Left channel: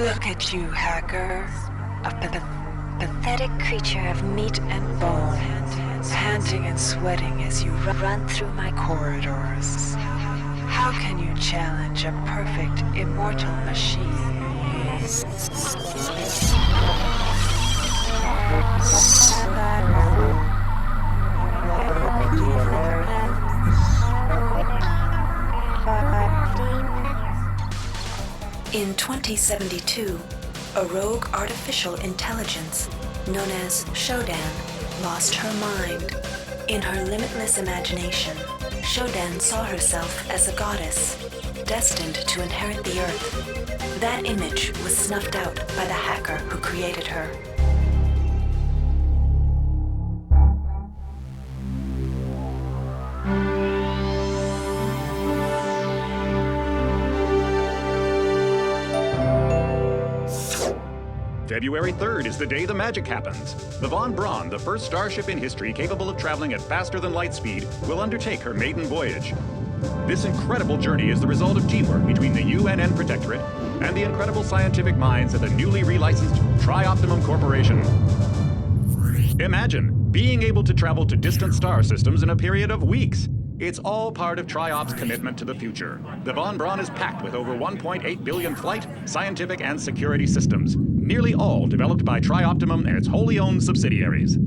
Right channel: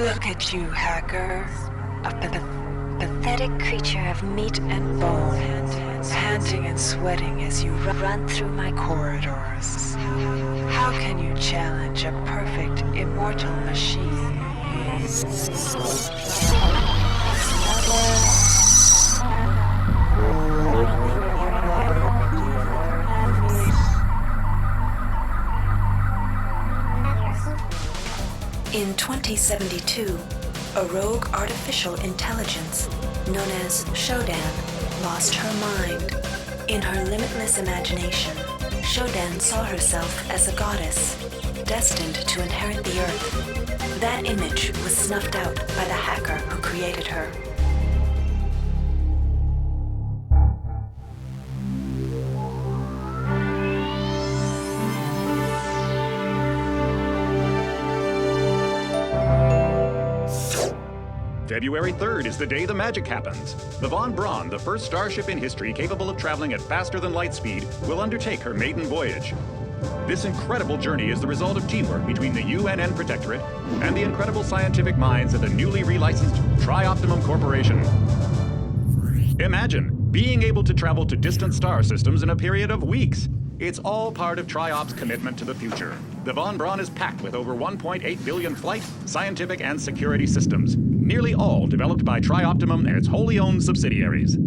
Look at you, hacker. A pathetic creature of meat and bone, panting and sweating as you run through my corridors. How can you challenge a perfect, immortal machine? In 2072, a rogue artificial intelligence known as Shodan lost her mind. In her limitless imagination, Shodan saw herself as a goddess, destined to inherit the earth. That image was snuffed out by the hacker who created her. February 3rd is the day the magic happens. The Von Braun, the first starship in history capable of traveling at faster than light speed, will undertake her maiden voyage. This incredible journey is the result of teamwork between the UNN Protectorate and the incredible scientific minds at the newly relicensed Tri-Optimum Corporation. Imagine being able to travel to distant star systems in a period of weeks. It's all part of Tri-Op's commitment to the future. The Von Braun is packed with over 1.8 billion flight, scientific, and security systems, nearly all developed by Tri-Optimum and its wholly owned subsidiaries.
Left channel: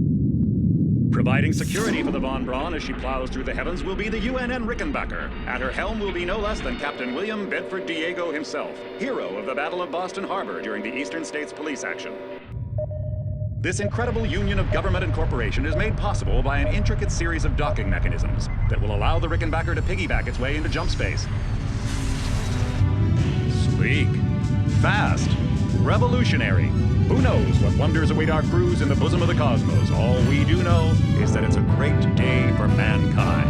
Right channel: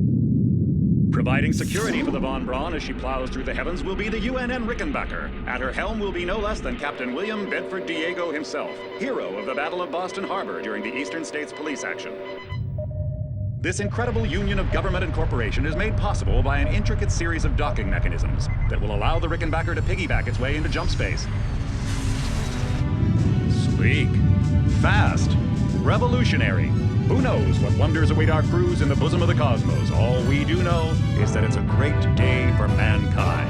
Providing security for the Von Braun as she plows through the heavens will be the UNN Rickenbacker. At her helm will be no less than Captain William Bedford Diego himself, hero of the Battle of Boston Harbor during the Eastern States Police action. This incredible union of government and corporation is made possible by an intricate series of docking mechanisms that will allow the Rickenbacker to piggyback its way into jump space. Sleek, fast, revolutionary. Who knows what wonders await our crews in the bosom of the cosmos? All we do know is that it's a great day for mankind.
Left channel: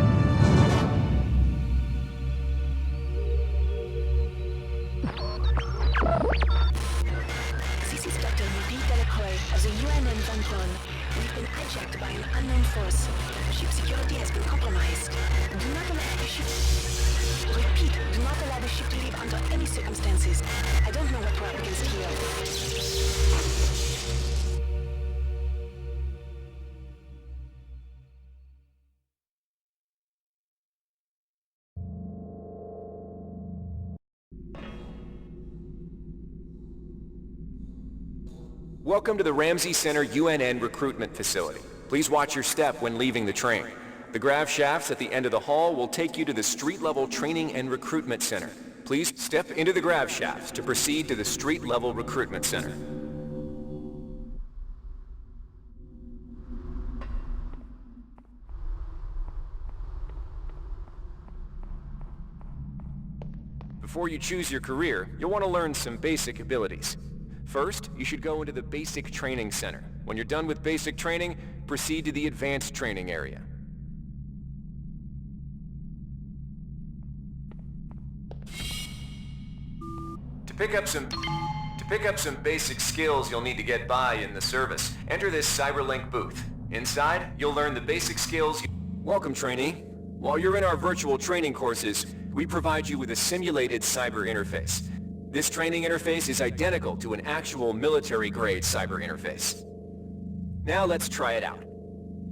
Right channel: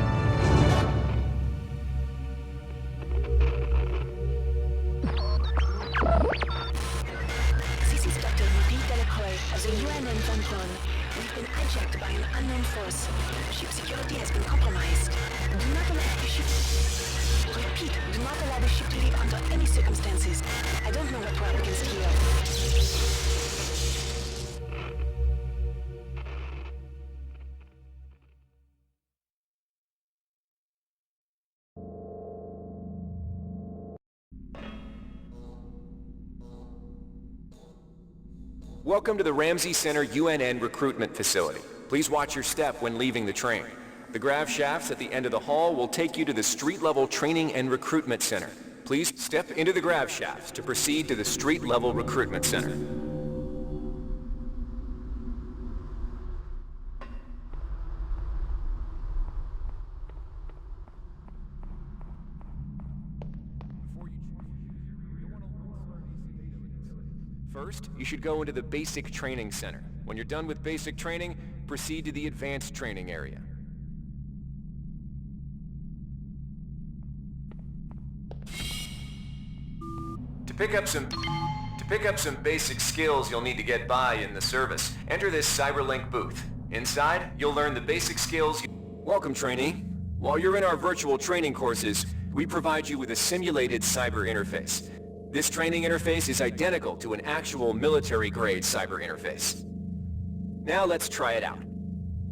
This is Dr. Marie Delacroix of the UNN Von Braun. We've been hijacked by an unknown force. Ship security has been compromised. Do not allow the ship... Repeat, do not allow the ship to leave under any circumstances. I don't know what we're up against here. Welcome to the Ramsey Center UNN recruitment facility. Please watch your step when leaving the train. The grav shafts at the end of the hall will take you to the street-level training and recruitment center. Please step into the grav shafts to proceed to the street-level recruitment center. Before you choose your career, you'll want to learn some basic abilities. First, you should go into the Basic Training Center. When you're done with basic training, proceed to the Advanced Training area. To pick up some basic skills you'll need to get by in the service, enter this CyberLink booth. Inside, you'll learn the basic skills. Welcome, trainee. While you're in our virtual training courses, we provide you with a simulated cyber interface. This training interface is identical to an actual military-grade cyber interface. Now let's try it out.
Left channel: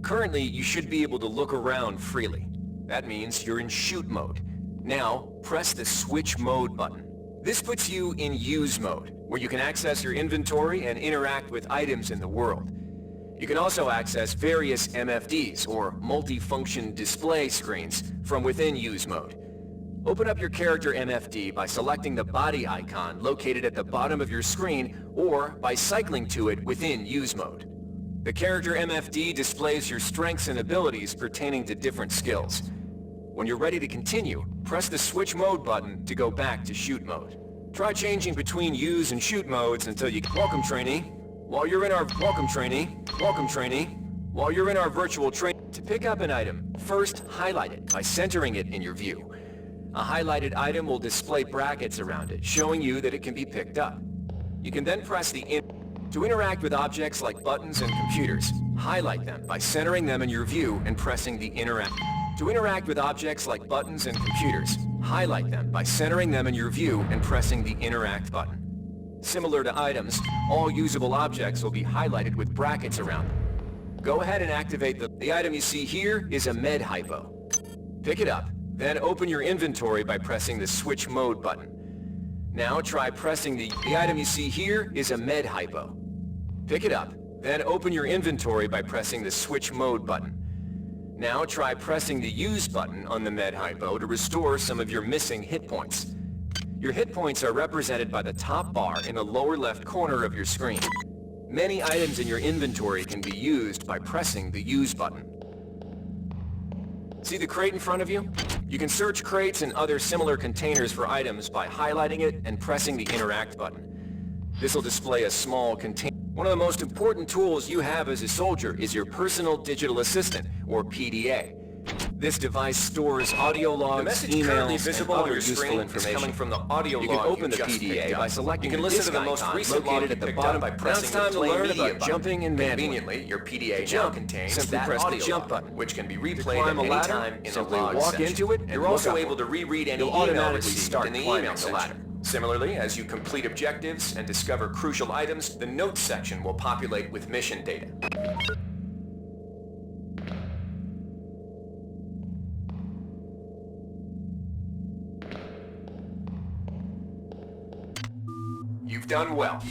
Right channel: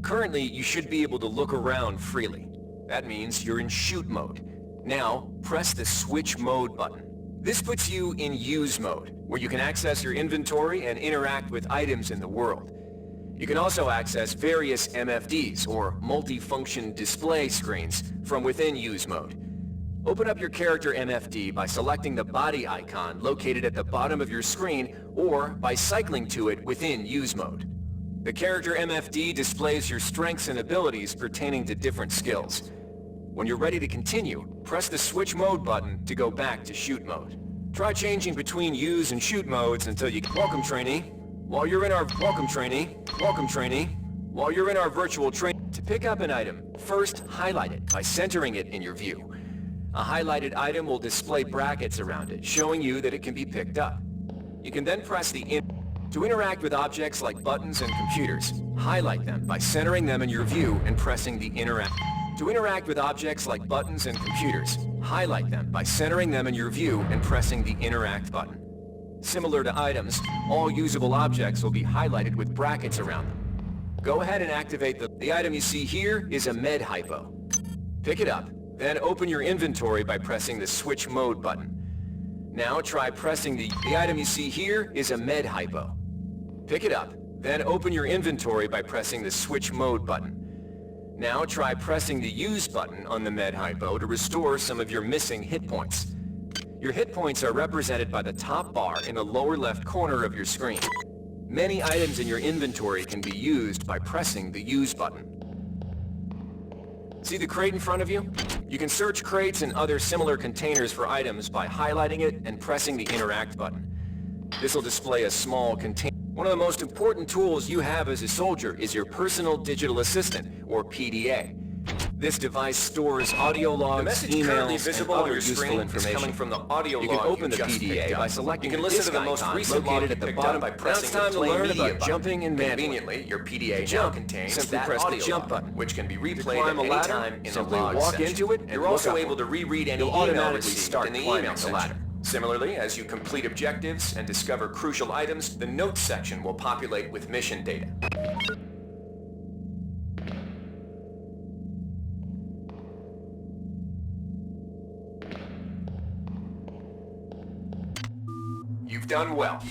Currently, you should be able to look around freely. That means you're in shoot mode. Now, press the switch mode button. This puts you in use mode, where you can access your inventory and interact with items in the world. You can also access various MFDs, or multi-function display screens, from within use mode. Open up your character MFD by selecting the body icon located at the bottom of your screen, or by cycling to it within use mode. The character MFD displays your strengths and abilities pertaining to different skills. When you're ready to continue, press the switch mode button to go back to shoot mode. Try changing between use and shoot modes until you... Welcome, trainee. While you're in our... Welcome, trainee. Welcome, trainee. While you're in our virtual train... To pick up an item, first highlight it by centering it in your view. A highlighted item will display brackets around it, showing you that it can be picked up. You can then press the To interact with objects like buttons and computers, highlight them by centering them in your view and pressing the Interact. To interact with objects like buttons and computers, highlight them by centering them in your view and pressing the Interact button. Similar to items, all usable objects will be highlighted with brackets around them. Go ahead and activate the item you see here is a med hypo. Pick it up, then open your inventory by pressing the switch mode button. Now try pressing the item you see here is a med hypo. Pick it up, then open your inventory by pressing the switch mode button. Now try pressing the use button on the med hypo to restore some of your missing hit points. Your hit points are represented by the top bar in the lower left corner of your screen. Many items in your inventory can be used by pressing the use button. See the crate in front of you? You can search crates and other similar containers for items by highlighting it and pressing the interact button. This will display a small container. One of the most important tools you have as a soldier is your personal digital assistant, or PDA. This device stores audio logs, emails, and other useful information. Coming from the audio you can log open the PDA by selecting you can the listen disk to the most icon recent located at the bottom by pressing the play media button. jumping and Conveniently, your PDA now contains simply that press the audio jump log, button. which can be To replayed climb at a any ladder, time in the simply log walk section. into it and You're look also up able one. to reread any You'll email automatically received start in the climbing email the section. ladder. Similarly, as you complete objectives and discover crucial items, the notes section will populate with mission data. You've done well.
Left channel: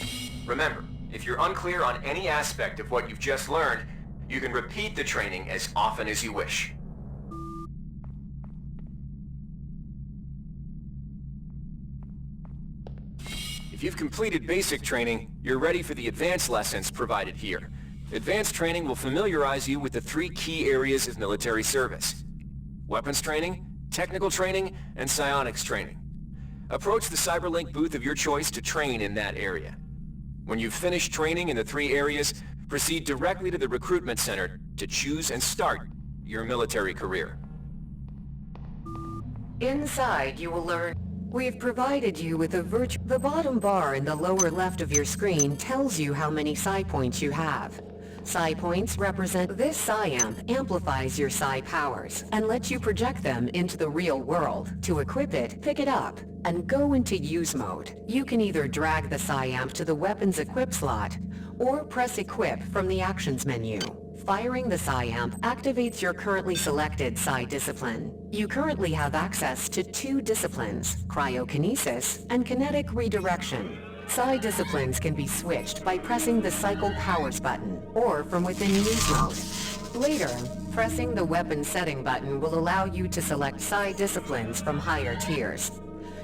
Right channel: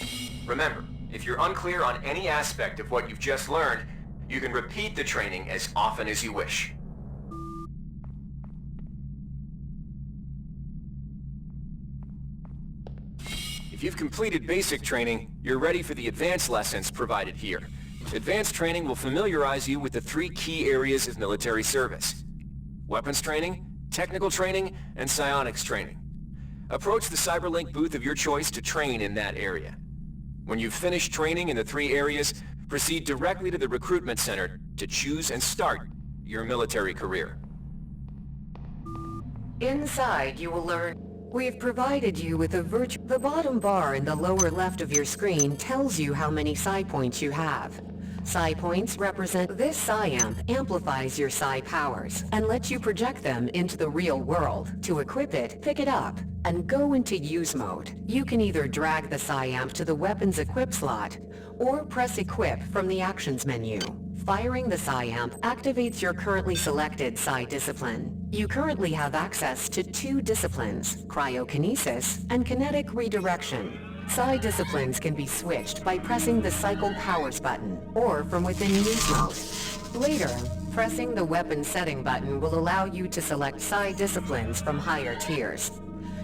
Remember, if you're unclear on any aspect of what you've just learned, you can repeat the training as often as you wish. If you've completed basic training, you're ready for the advanced lessons provided here. Advanced training will familiarize you with the 3 key areas of military service: weapons training, technical training, and psionics training. Approach the CyberLink booth of your choice to train in that area. When you've finished training in the 3 areas, proceed directly to the recruitment center to choose and start your military career. Inside, you will learn. We've provided you with a The bottom bar in the lower left of your screen tells you how many psi points you have. Psi points represent this psi amp amplifies your psi powers and lets you project them into the real world. To equip it, pick it up and go into use mode. You can either drag the psi amp to the weapons equip slot or press equip from the actions menu. Firing the psi amp activates your currently selected psi discipline. You currently have access to 2 disciplines, cryokinesis and kinetic redirection. Psi disciplines can be switched by pressing the cycle powers button or from within use mode. Later, pressing the weapon setting button will allow you to select psi disciplines from higher tiers.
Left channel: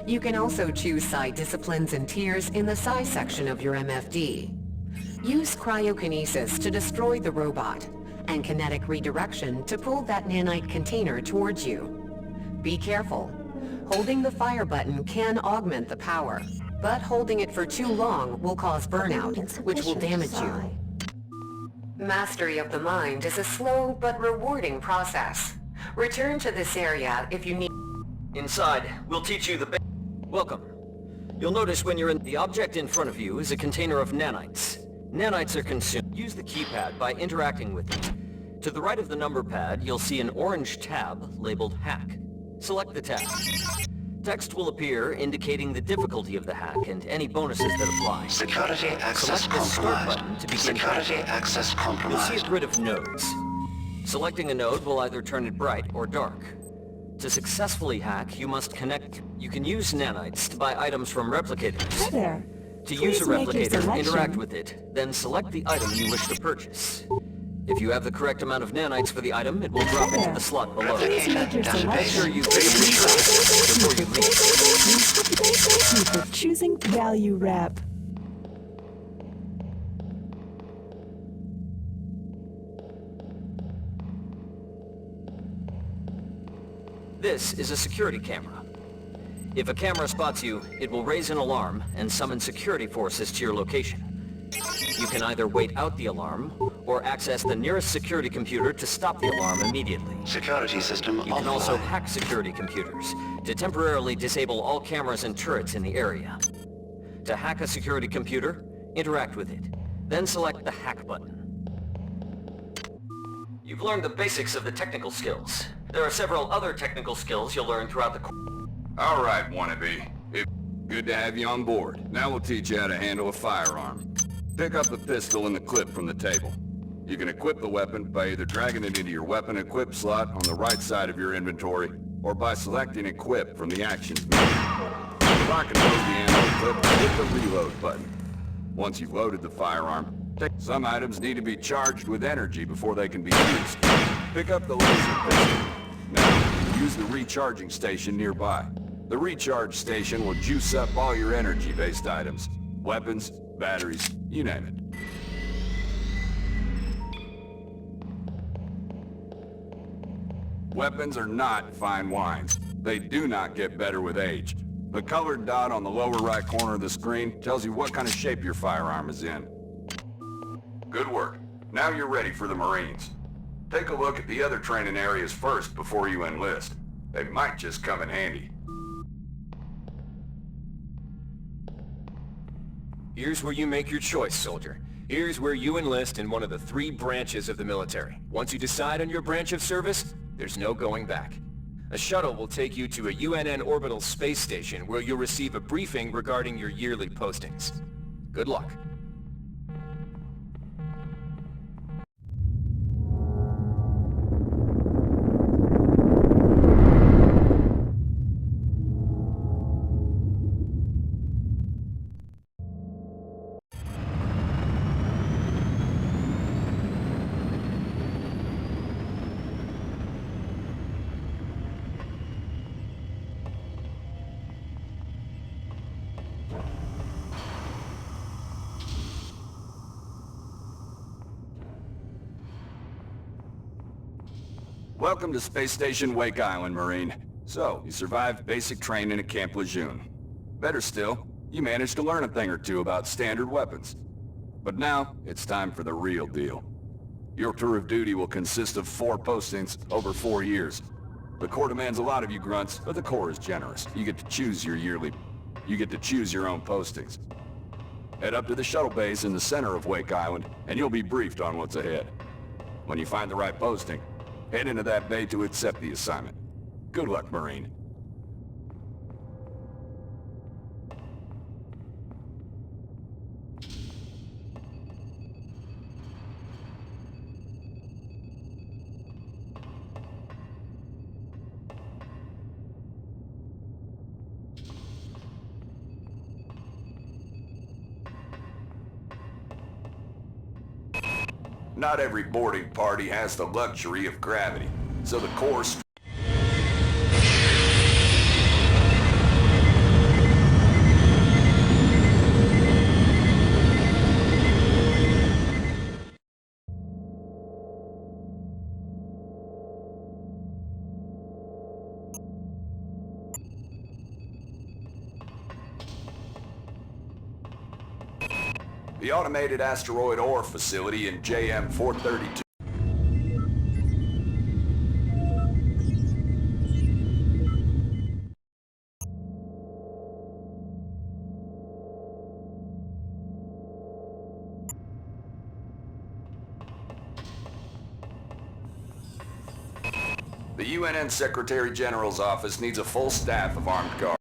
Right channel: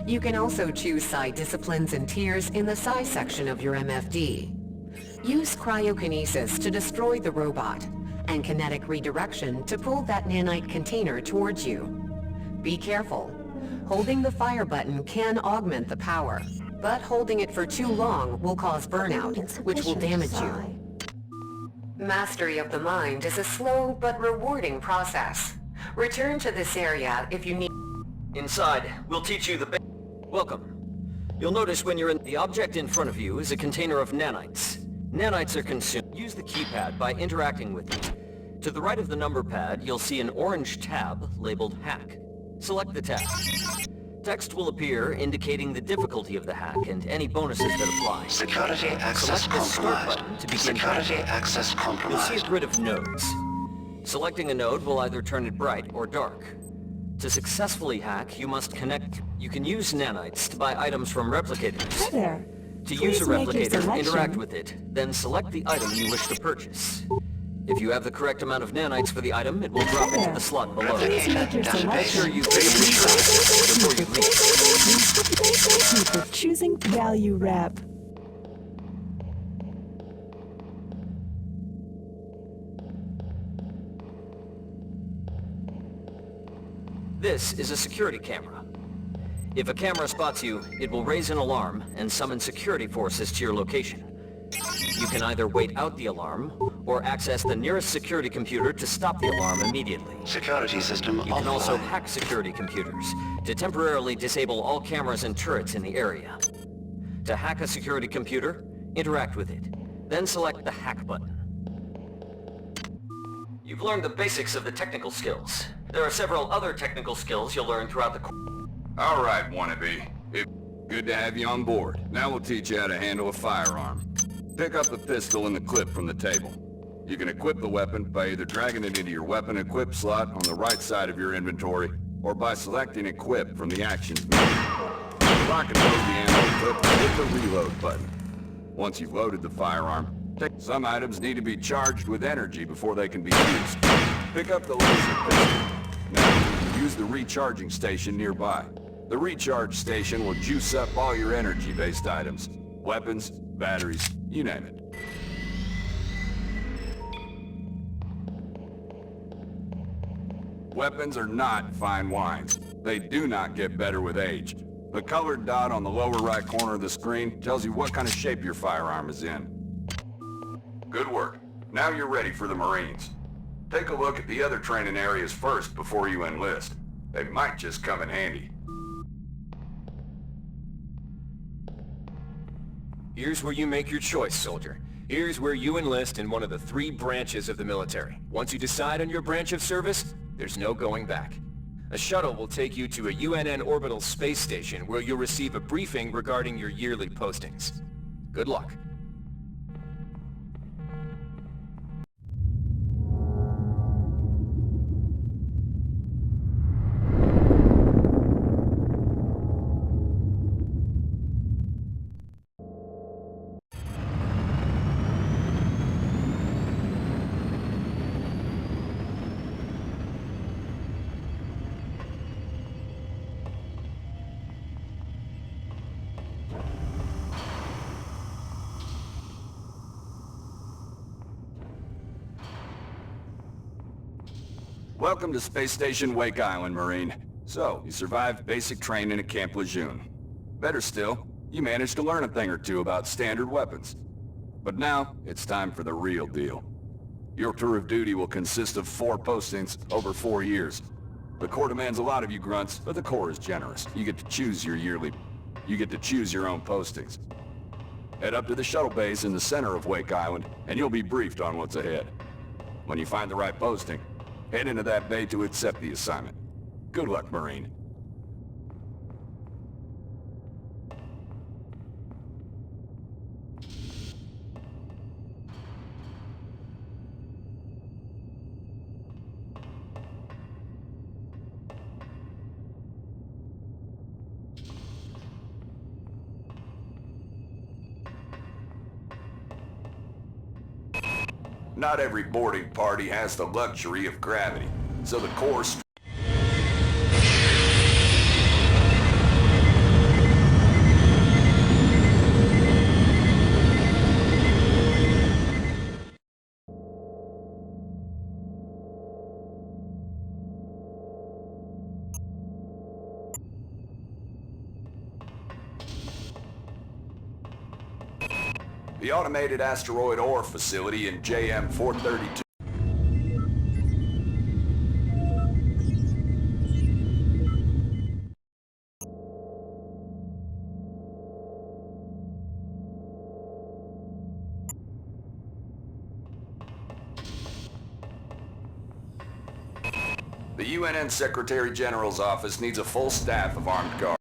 You can also choose psi disciplines and tiers in the psi section of your MFD. Use cryokinesis to destroy the robot, and kinetic redirection to pull that nanite container towards you. Be careful. Holding the fire button can augment the power, but holding it for too long will cause burnout, which will damage you. Mastery of the mind is a slow but rewarding process. Return to this area if you need... Inside, we'll teach you the Welcome. You'll notice when you're in the object in front of you is a container of nanites. Nanites are consumed. Use the keypad by interacting with it. To the right of the number pad, you'll see an orange tab labeled Hack. Select the tab. Text will appear indicating the difficulty of the hack and any bonuses that apply. Security access Select the Start compromised. button to begin Security hacking. access You'll compromised. see a grid of nodes. Selecting a node will either turn it bright or dark. To successfully hack, you must connect. You can use nanites to buy items from replicators. Hi there. To Please use a make your replicator, selection. interact with it, then select the item you wish to purchase. If you have the correct amount of nanites for the item, it will drop into the slot below. Please make your Database. Make sure selection. you pick a purchase before you leave. Thank you for choosing Value Wrap. This is a security camera. If a camera spots you, it will raise an alarm and summon security forces to your location. You can either wait out the alarm, or access the nearest security computer to stop the alarm immediately. Security system You can also offline. hack security computers to temporarily disable all cameras and turrets in the area. To hack a security computer, interact with it, then select the Hack button. You've learned the basics of the technical skills. There are several other technical skills you'll learn throughout the course. All right, wannabe. Good to have you on board. Now we'll teach you how to handle a firearm. Pick up the pistol and the clip from the table. You can equip the weapon by either dragging it into your weapon equip slot on the right side of your inventory, or by selecting equip from the actions menu. Lock and load the ammo clip and hit the reload button. Once you've loaded the firearm, some items need to be charged with energy before they can be used. Pick up the laser pistol. Now, use the recharging station nearby. The recharge station will juice up all your energy-based items. Weapons, batteries, you name it. Weapons are not fine wines. They do not get better with age. The colored dot on the lower right corner of the screen tells you what kind of shape your firearm is in. Good work. Now you're ready for the Marines. Take a look at the other training areas first before you enlist. They might just come in handy. Here's where you make your choice, soldier. Here's where you enlist in one of the 3 branches of the military. Once you decide on your branch of service, there's no going back. A shuttle will take you to a UNN orbital space station where you'll receive a briefing regarding your yearly postings. Good luck. Welcome to Space Station Wake Island, Marine. So, you survived basic training at Camp Lejeune. Better still, you managed to learn a thing or two about standard weapons. But now, it's time for the real deal. Your tour of duty will consist of 4 postings over 4 years. The Corps demands a lot of you grunts, but the Corps is generous. You get to choose your own postings. Head up to the shuttle base in the center of Wake Island, and you'll be briefed on what's ahead. When you find the right posting, head into that bay to accept the assignment. Good luck, Marine. Not every boarding party has the luxury of gravity, so the Corps... The Automated Asteroid Ore Facility in JM 432. The UNN Secretary General's office needs a full staff of armed guards.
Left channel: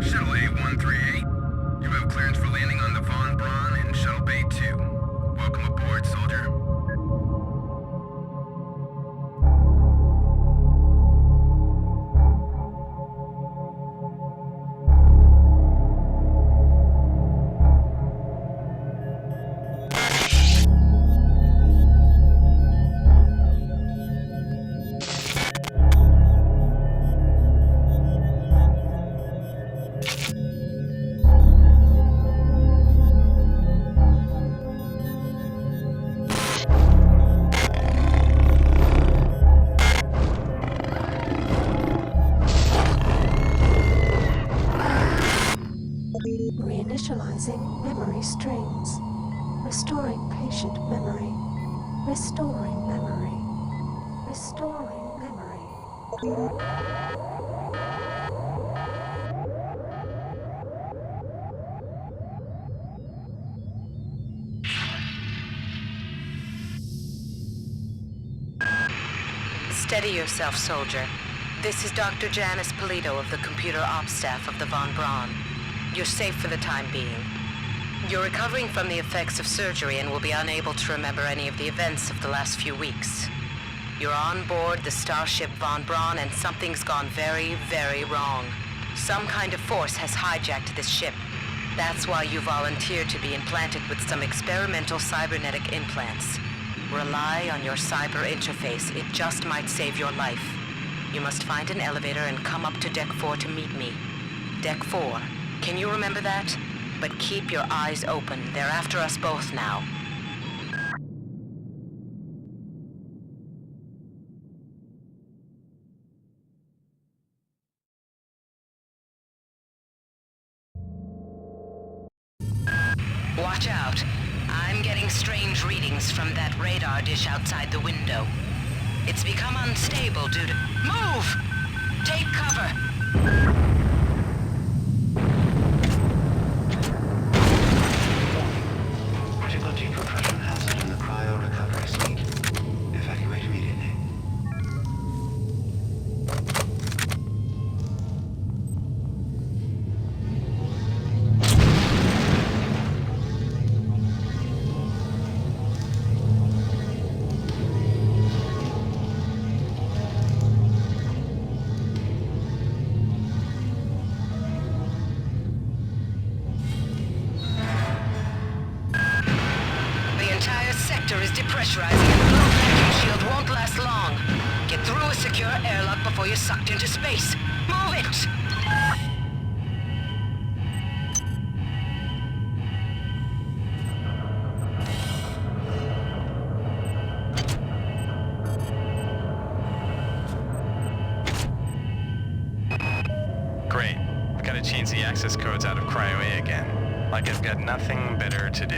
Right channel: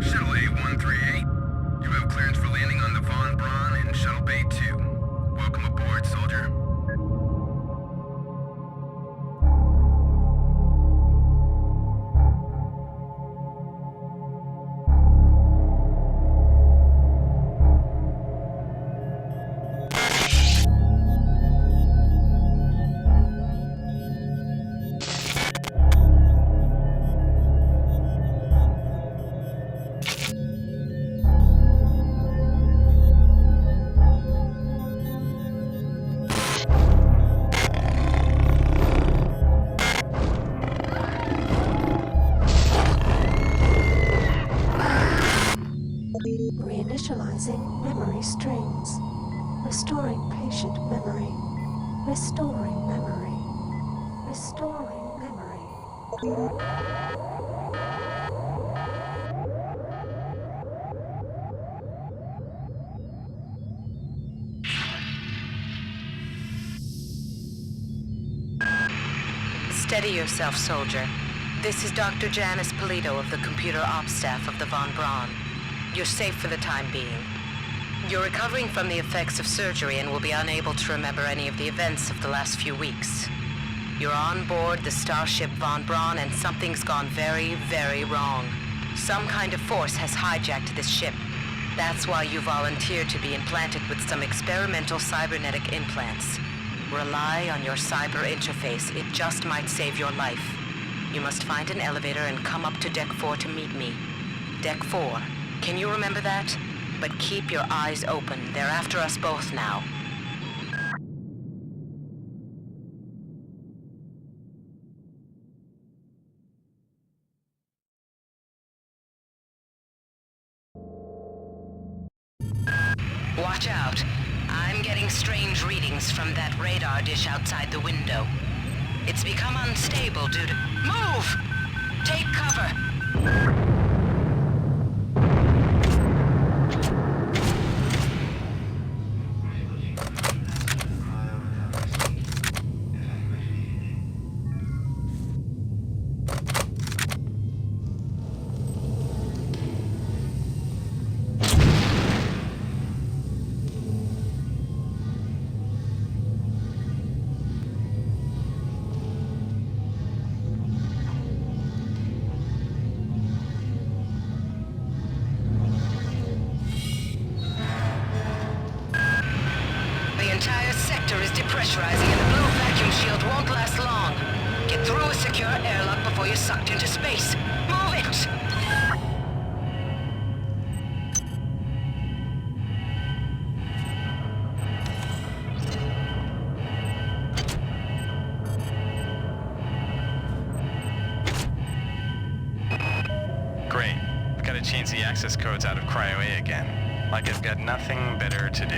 Shuttle A-138, you have clearance for landing on the intelligence. Restoring patient memory. Restoring memory. Restoring memory. Steady yourself, soldier. This is Dr. Janice Polito of the computer ops staff of the Von Braun. You're safe for the time being. You're recovering from the effects of surgery and will be unable to remember any of the events of the last few weeks. You're on board the starship Von Braun and something's gone very, very wrong. Some kind of force has hijacked this ship. That's why you volunteered to be implanted with some experimental cybernetic implants. Rely on your cyber interface. It just might save your life. You must find an elevator and come up to Deck 4 to meet me. Deck 4. Can you remember that? But keep your eyes open. They're after us both now. Watch out. I'm getting strange readings from that radar dish outside the window. It's become unstable due to... Move! Take cover! Critical decompression hazard in the cryo recovery suite. Evacuate immediately. The entire sector is depressurizing and the blue vacuum shield won't last long. Get through a secure airlock before you're sucked into space. Move it! Great. I've got to change the access codes out of Cryo A again. Like I've got nothing better to do.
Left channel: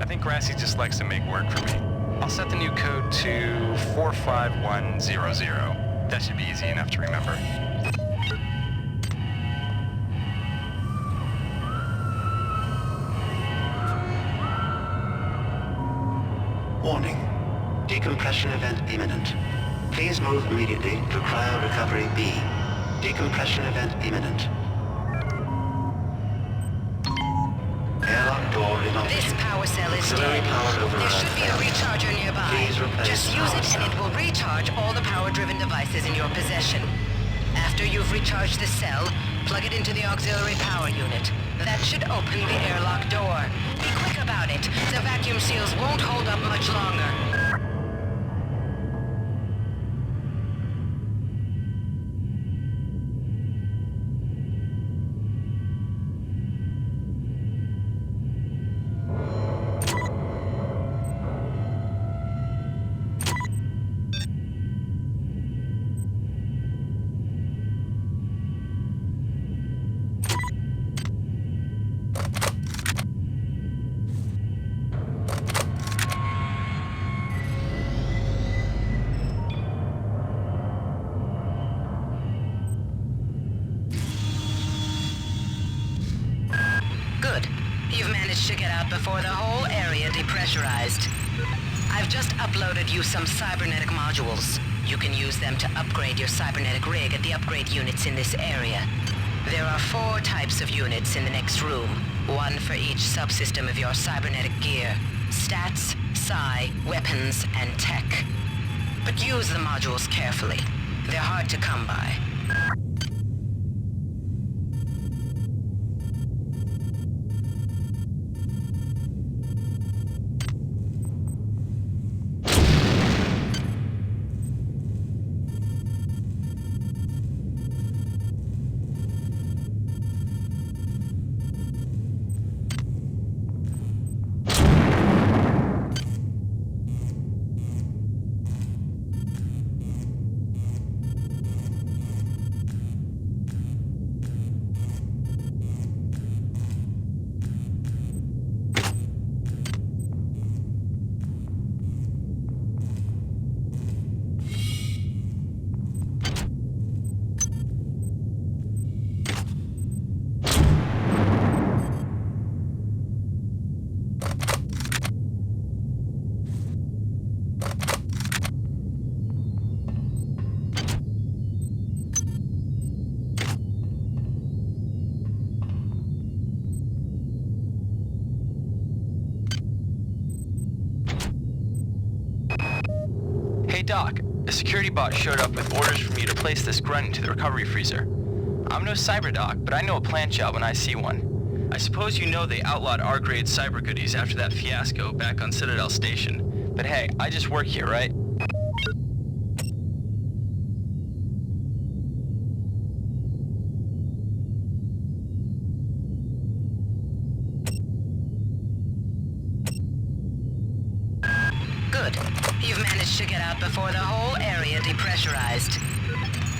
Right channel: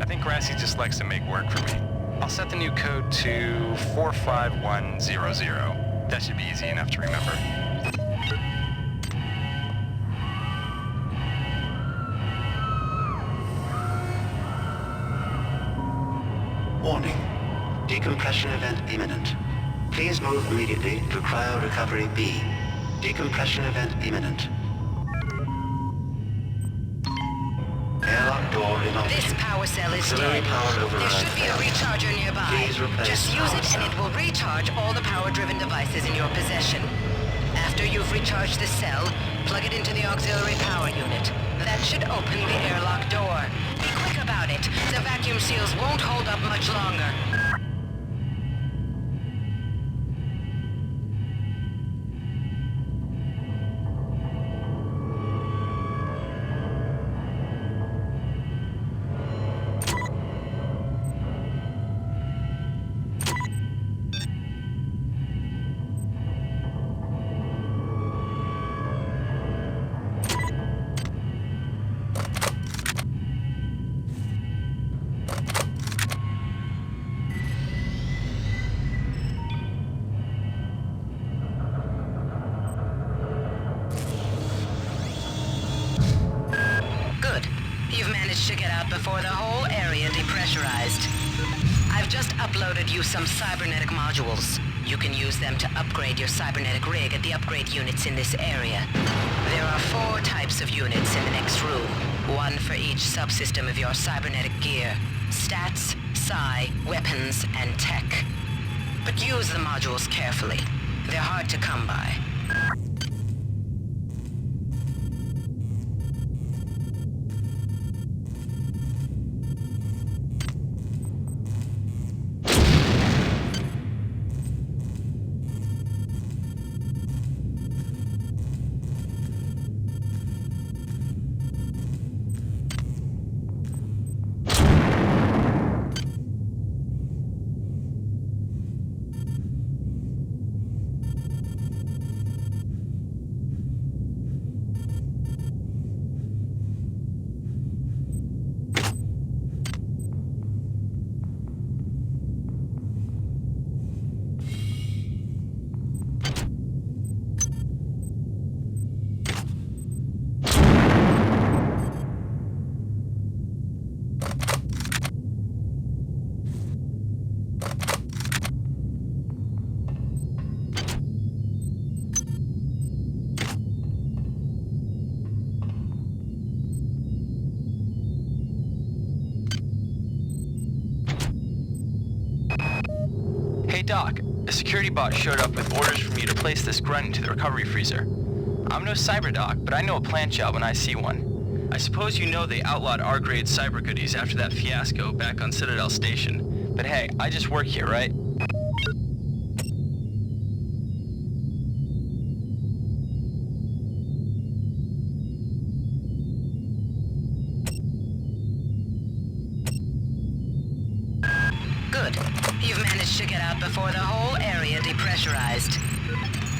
I think Grassy just likes to make work for me. I'll set the new code to 45100. That should be easy enough to remember. Warning. Decompression event imminent. Please move immediately to cryo recovery B. Decompression event imminent. Airlock door in operation. This power cell is Auxiliary dead. power There override should be a failure. recharger nearby. Please replace Just use power it and cell. it will recharge all the power-driven devices in your possession. After you've recharged the cell, plug it into the auxiliary power unit. That should open the airlock door. Be quick about it. The vacuum seals won't hold up much longer. Good. You've managed to get out before the whole area depressurized. I've just uploaded you some cybernetic modules. You can use them to upgrade your cybernetic rig at the upgrade units in this area. There are 4 types of units in the next room, one for each subsystem of your cybernetic gear. Stats, psi, weapons, and tech. But use the modules carefully. They're hard to come by. Hey Doc, a security bot showed up with orders for me to place this grunt into the recovery freezer. I'm no cyber doc, but I know a plant job when I see one. I suppose you know they outlawed R-grade cyber goodies after that fiasco back on Citadel Station. But hey, I just work here, right? Good. You've managed to get out before the whole area depressurized.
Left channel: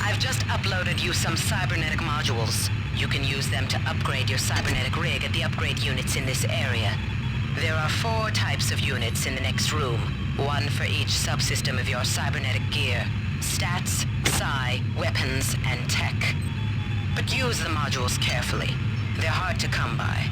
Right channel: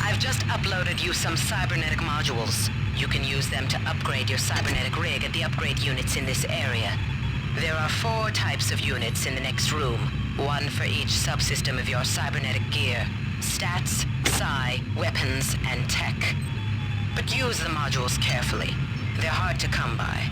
I've just uploaded you some cybernetic modules. You can use them to upgrade your cybernetic rig at the upgrade units in this area. There are 4 types of units in the next room, one for each subsystem of your cybernetic gear. Stats, psi, weapons, and tech. But use the modules carefully. They're hard to come by.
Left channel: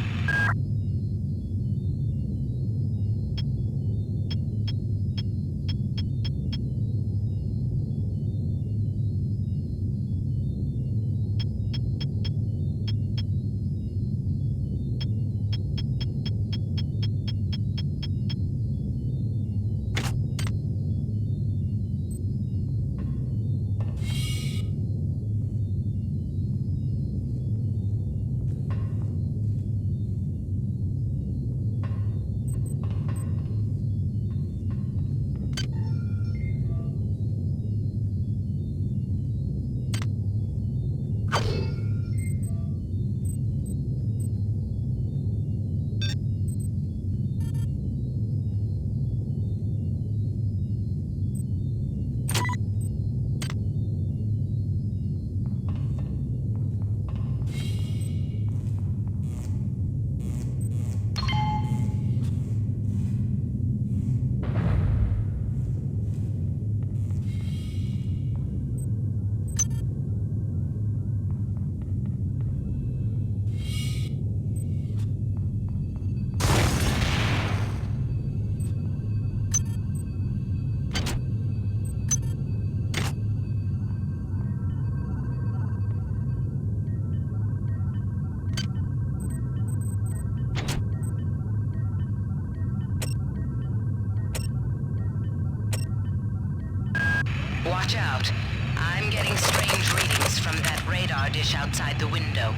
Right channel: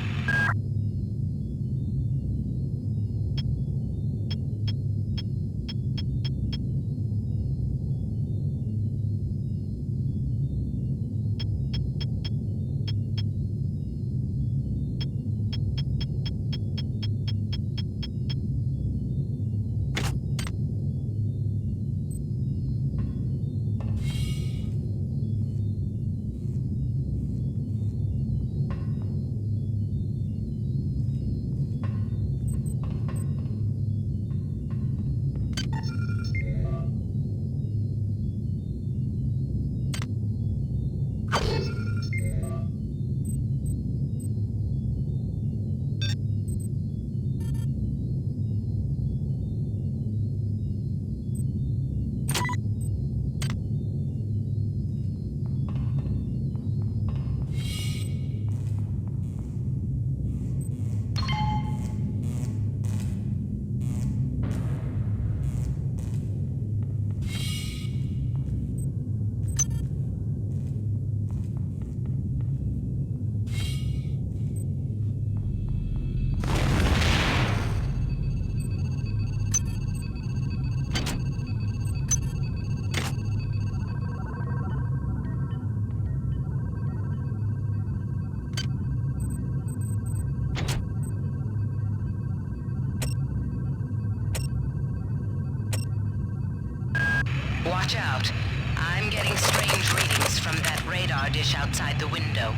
Watch out. I'm getting strange readings from that radar dish outside the window.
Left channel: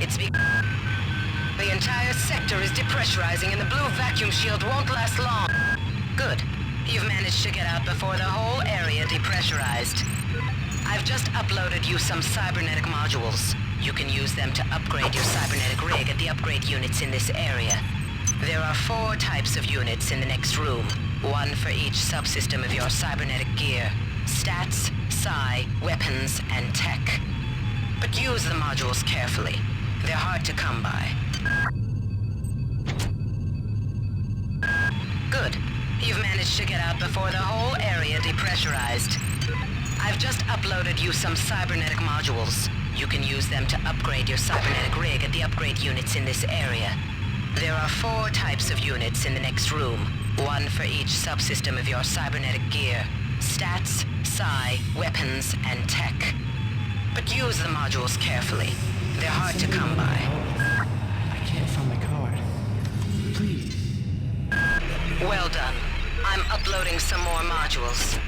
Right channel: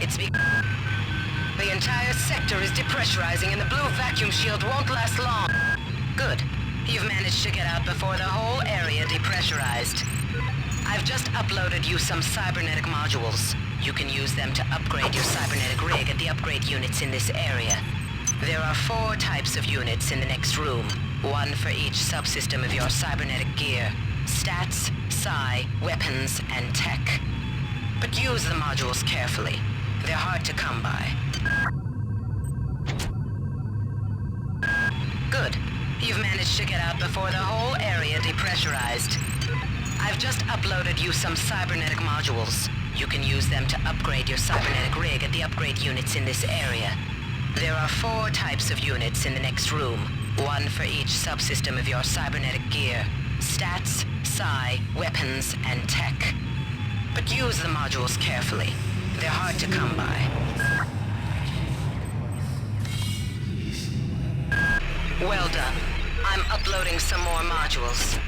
It's because the entire sector is depressurizing and the blue vacuum shield won't last long. Good. You've managed to get out before the whole area depressurized. I've just uploaded you some cybernetic modules. You can use them to upgrade your cybernetic rig at the upgrade units in this area. There are 4 types of units in the next room, one for each subsystem of your cybernetic gear. Stats, psi, weapons, and tech. But use the modules carefully. They're hard to come by. Good. You've managed to get out before the whole area depressurized. I've just uploaded you some cybernetic modules. You can use them to upgrade your cybernetic rig at the upgrade units in this area. There are 4 types of units in the next room, one for each subsystem of your cybernetic gear. Stats, psi, weapons, and tech. But use the modules carefully. They're hard to come by. I can't find my card. Please. Well done. I'm uploading some more modules.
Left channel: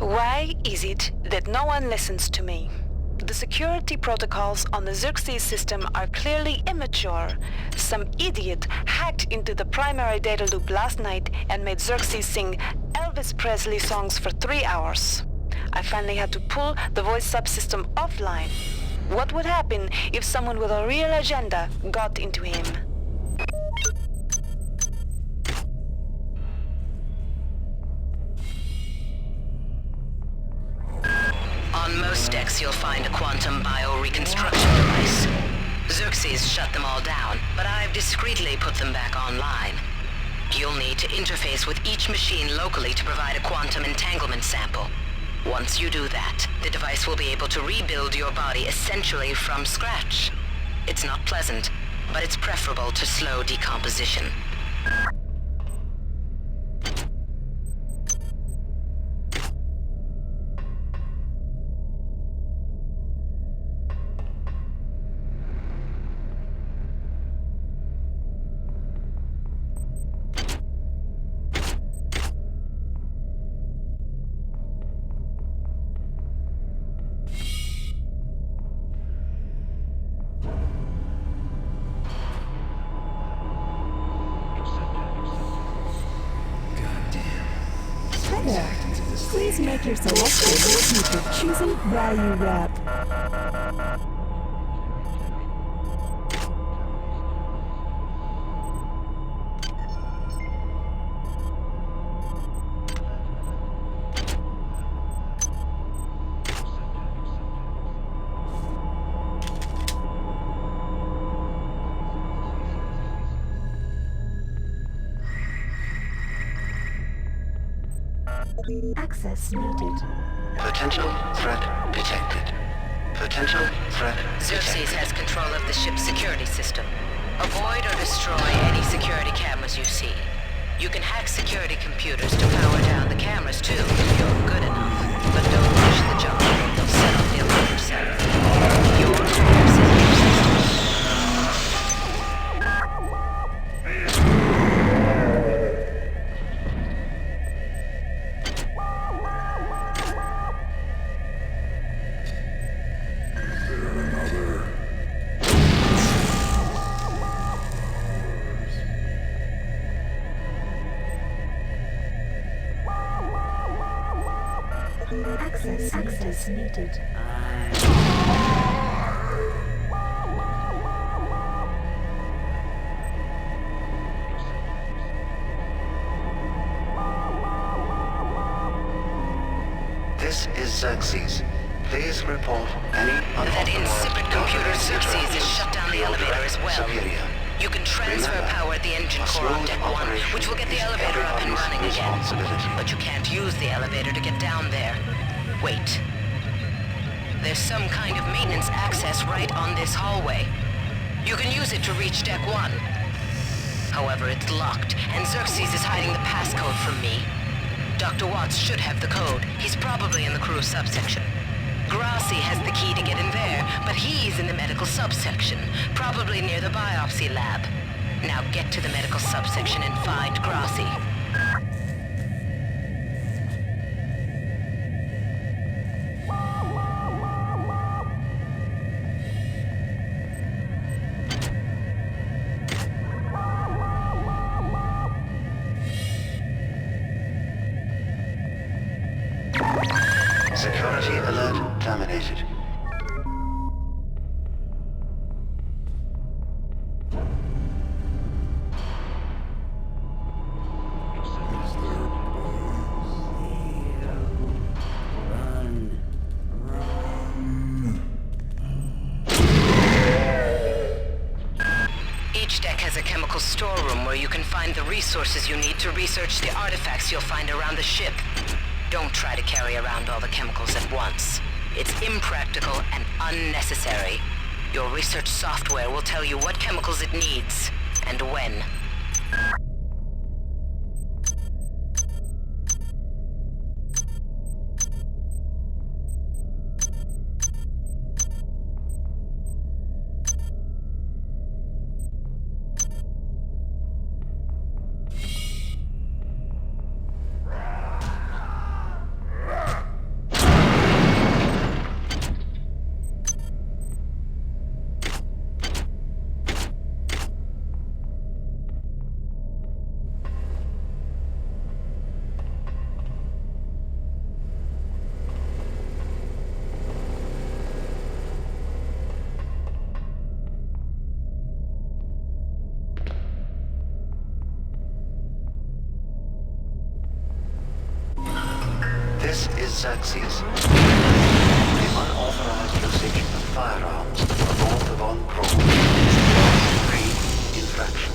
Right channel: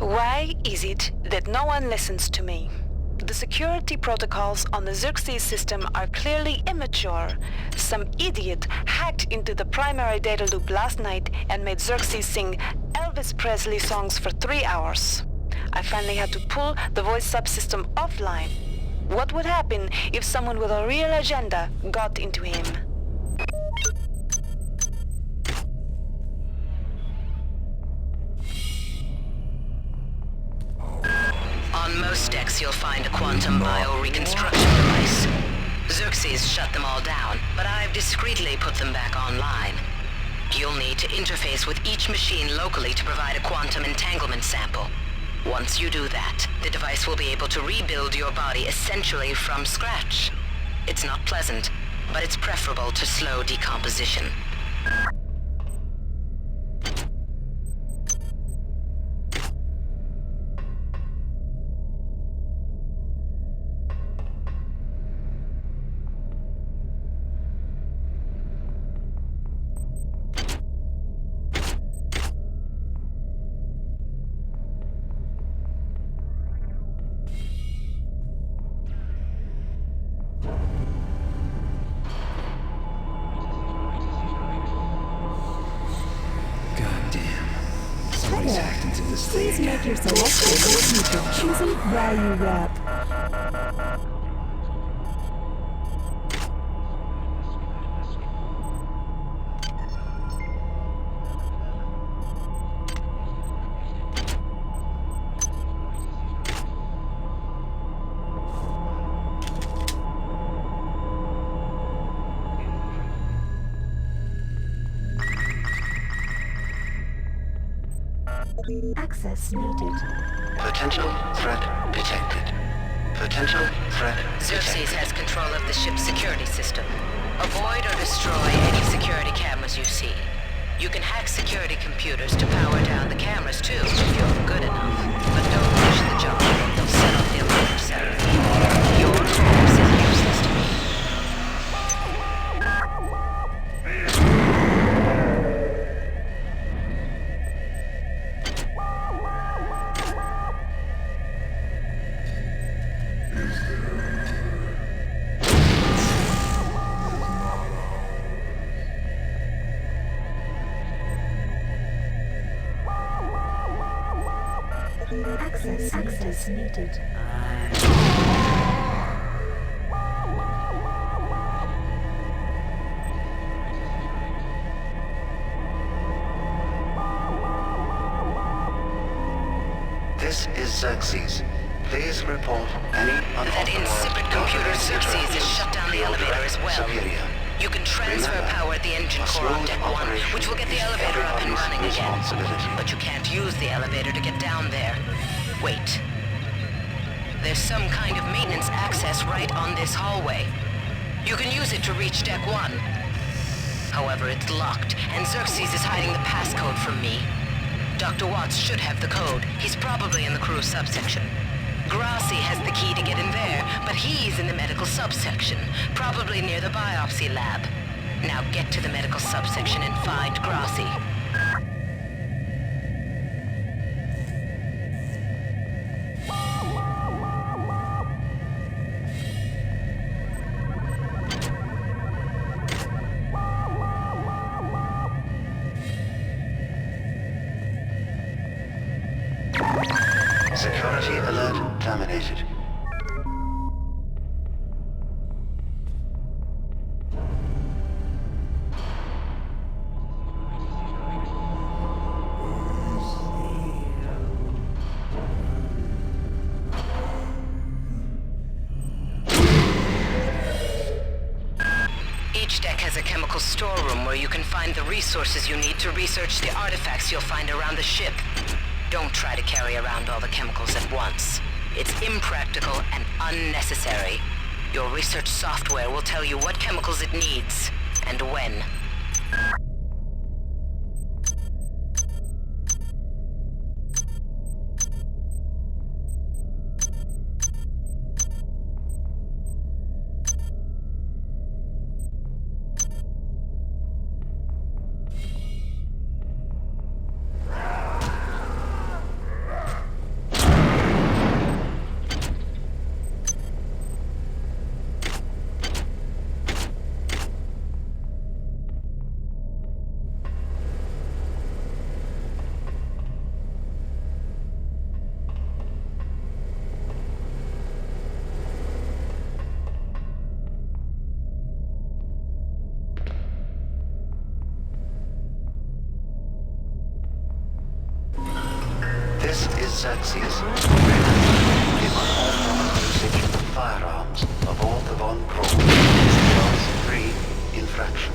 Why is it that no one listens to me? The security protocols on the Xerxes system are clearly immature. Some idiot hacked into the primary data loop last night and made Xerxes sing Elvis Presley songs for 3 hours. I finally had to pull the voice subsystem offline. What would happen if someone with a real agenda got into him? On most decks, you'll find a quantum bio-reconstruction device. Xerxes shut them all down, but I've discreetly put them back online. You'll need to interface with each machine locally to provide a quantum entanglement sample. Once you do that, the device will be able to rebuild your body essentially from scratch. It's not pleasant, but it's preferable to slow decomposition. Please make your selection with your choosing value wrap. Access needed. Potential threat detected. Potential threat Xerxes detected. has control of the ship's security system. Avoid or destroy any security cameras you see. You can hack security computers to power down the cameras too, if you're good enough. But don't push the job, you'll set off the alarm yourself. Your course is useless to me. Access needed. This is Xerxes. Please report any unauthorized... That insipid computer Xerxes has shut down the elevator as well. Superior. You can transfer power at the engine core on deck 1, which will get the elevator up and running again. But you can't use the elevator to get down there. Wait. There's some kind of maintenance access right on this hallway. You can use it to reach deck 1. However, it's locked, and Xerxes is hiding the passcode from me. Dr. Watts should have the code. He's probably in the crew subsection. Grassi has the key to get in there, but he's in the medical subsection, probably near the biopsy lab. Now get to the medical subsection and find Grassi. Security alert terminated. Each deck has a chemical storeroom where you can find the resources you need to research the artifacts you'll find around the ship. Don't try to carry around all the chemicals at once. It's impractical and unnecessary. Your research software will tell you what chemicals it needs, and when. This is Xerxes. firearms aboard the Von Braun is a Class 3 infraction.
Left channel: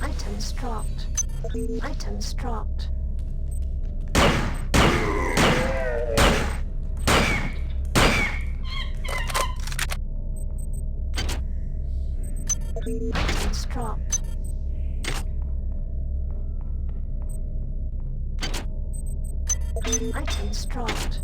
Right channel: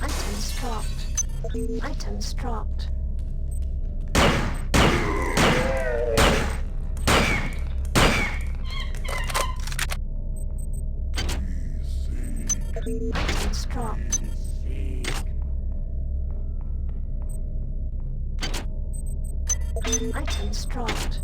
Items dropped. Items dropped. Items dropped. Items dropped.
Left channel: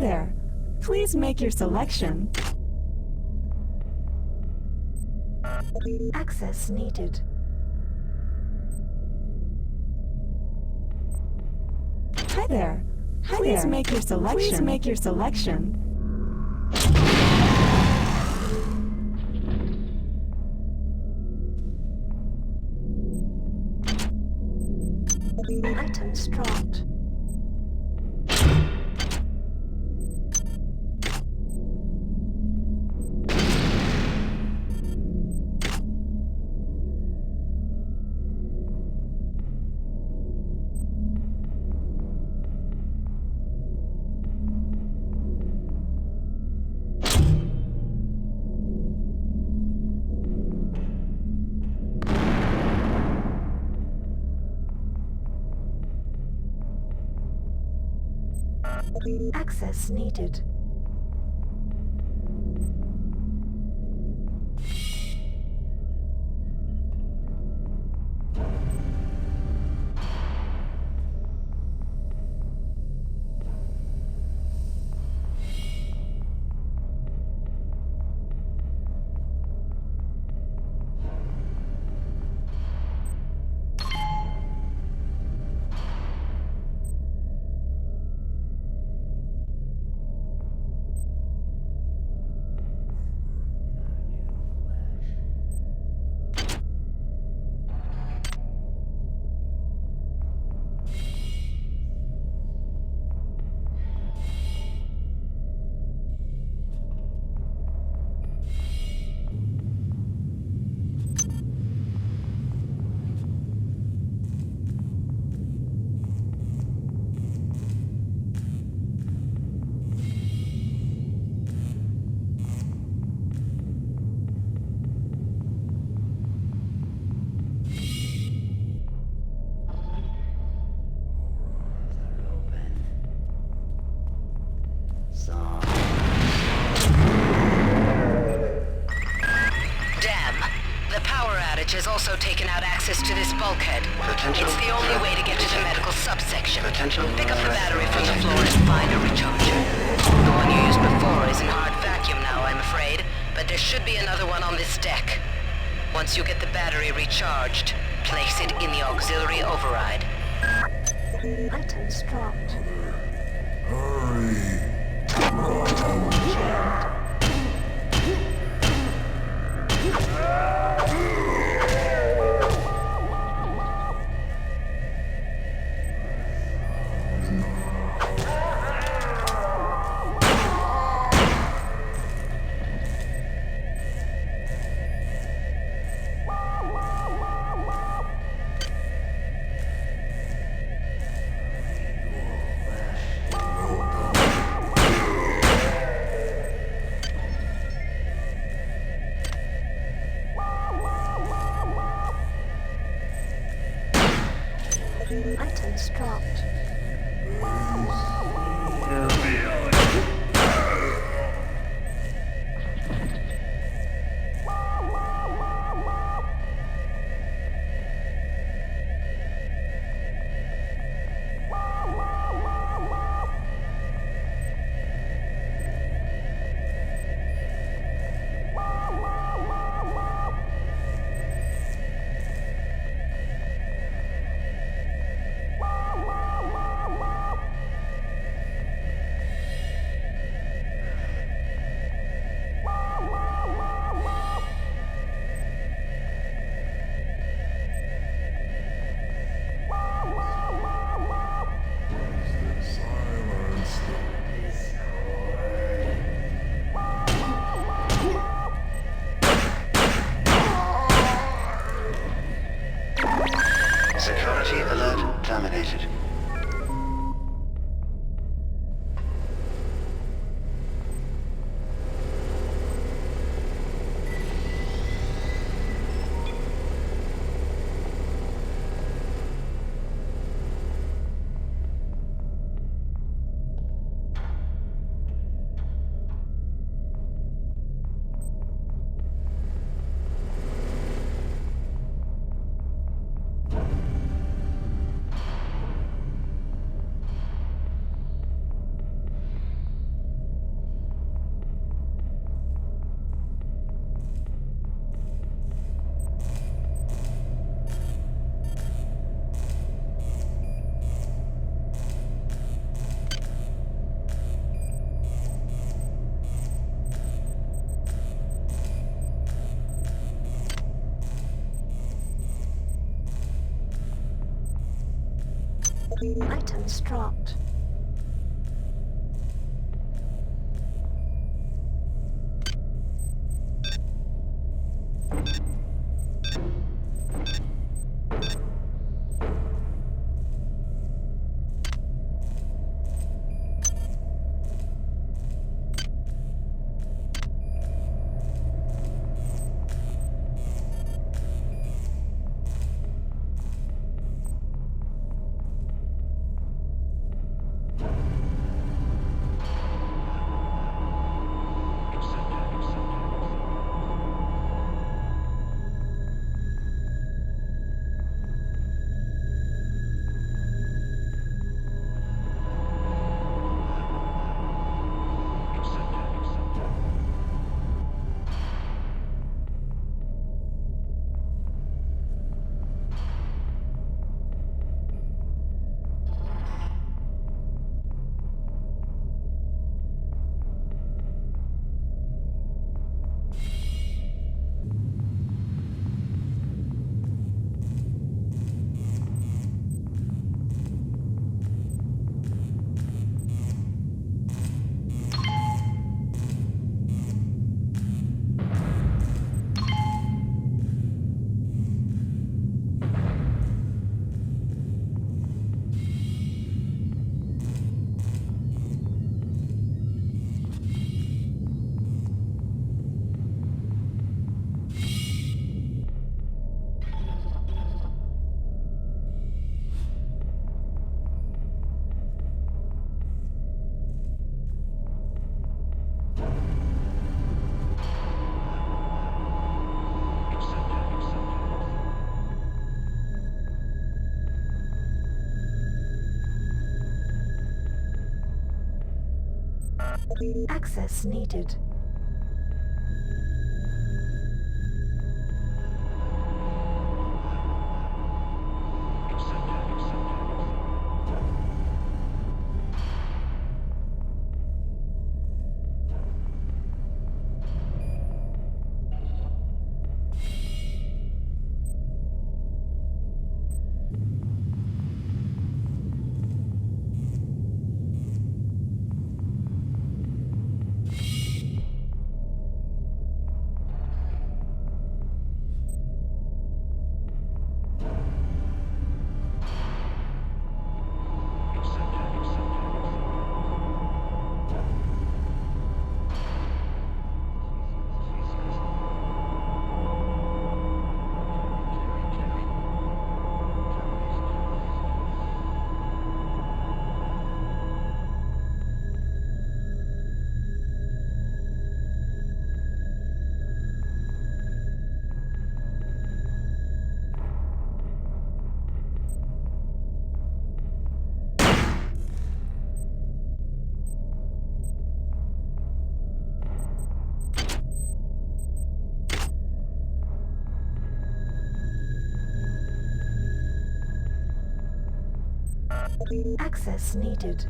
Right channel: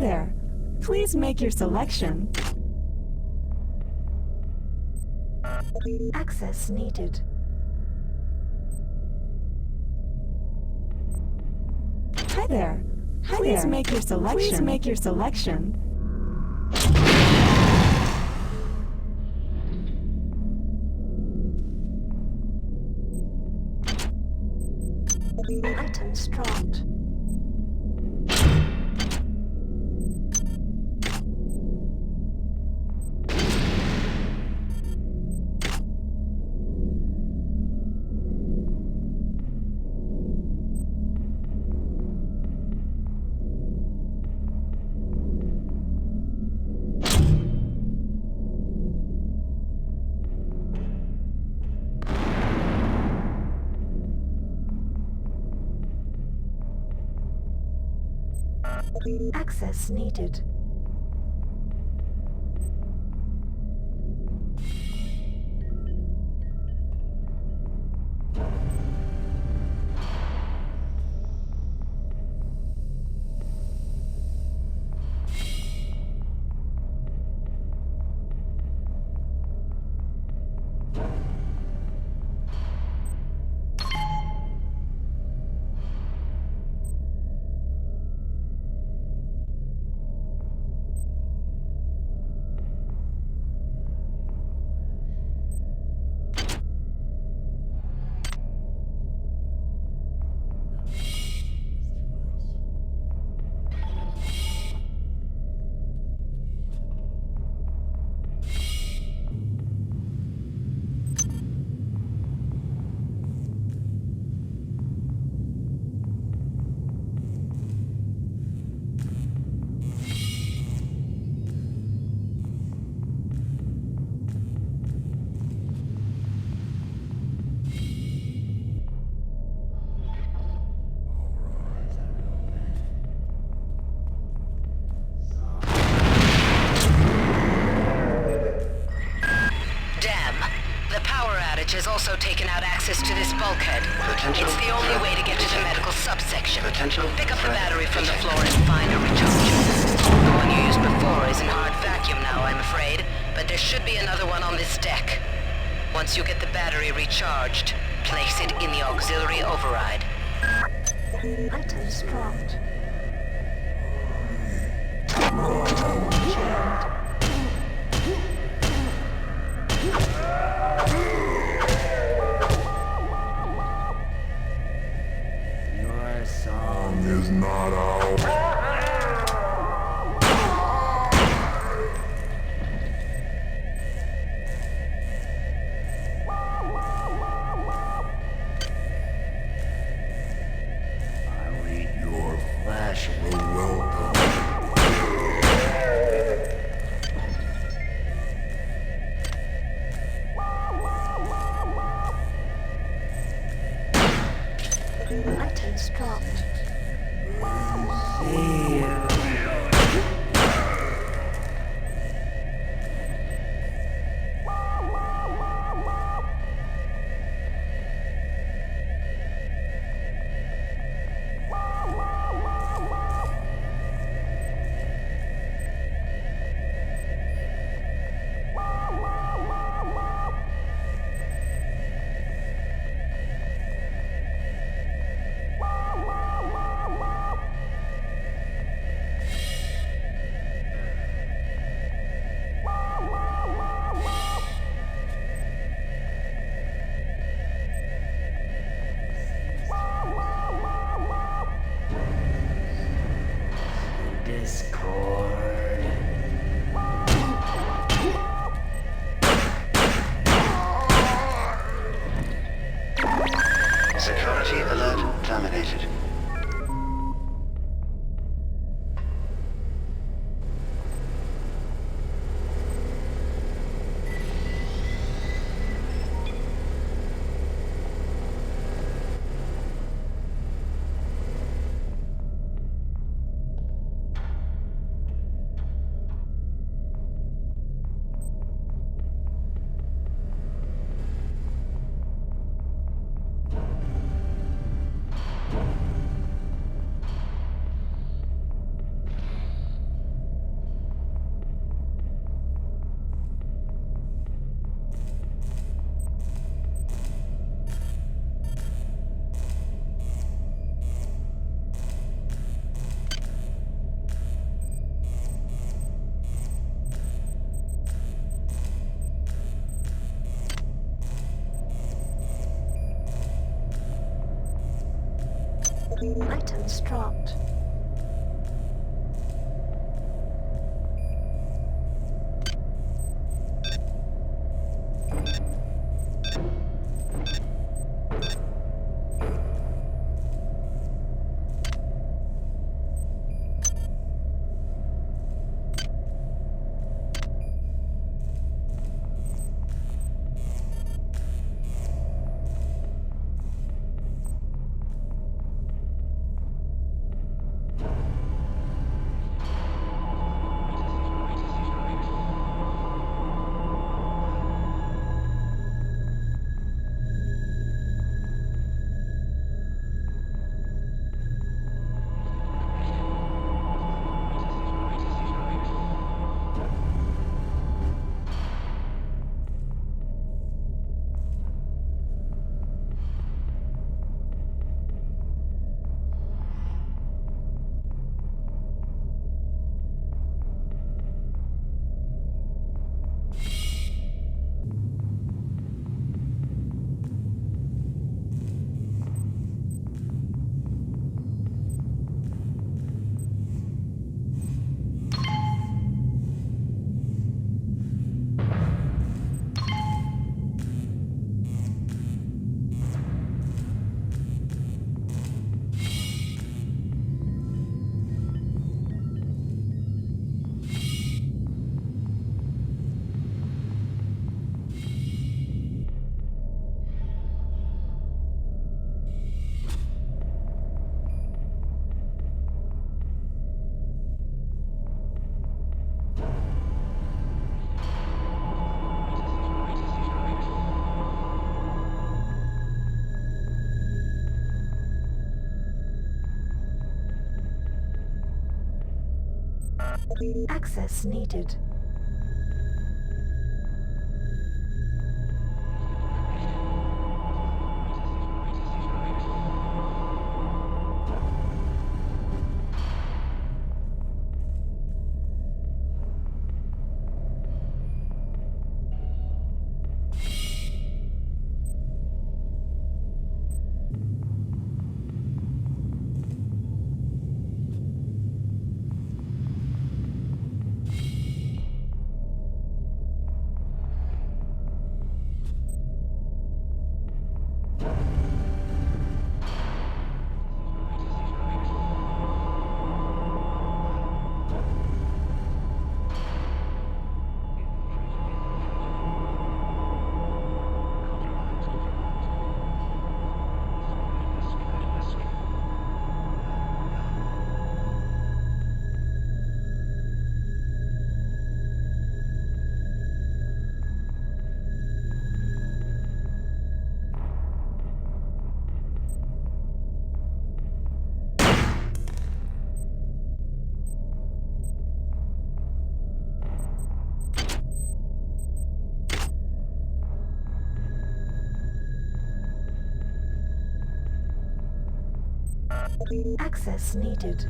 there. Please make your selection. Access needed. Hi there. Please make your selection. Please make your selection. Items dropped. Access needed. Has also taken out access to this bulkhead. It's the only way to get to the medical subsection. Pick up the battery from the floor and find a recharger. The one you used before is in hard vacuum now, I'm afraid, but there should be another one on this deck. Once you get the battery recharged, place it in the auxiliary override. Items dropped. Items dropped. Security alert terminated. Items dropped. Access needed. Access needed.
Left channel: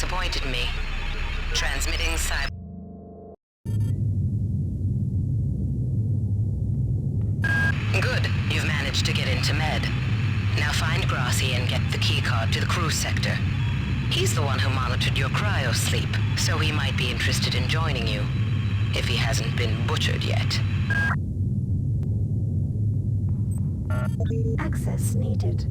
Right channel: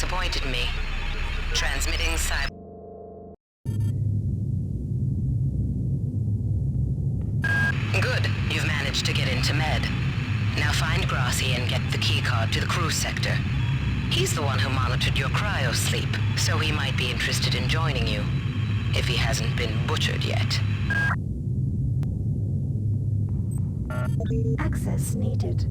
disappointed me. Transmitting cyber... Good. You've managed to get into Med. Now find Grassi and get the keycard to the cruise sector. He's the one who monitored your cryo-sleep, so he might be interested in joining you, if he hasn't been butchered yet. Access needed.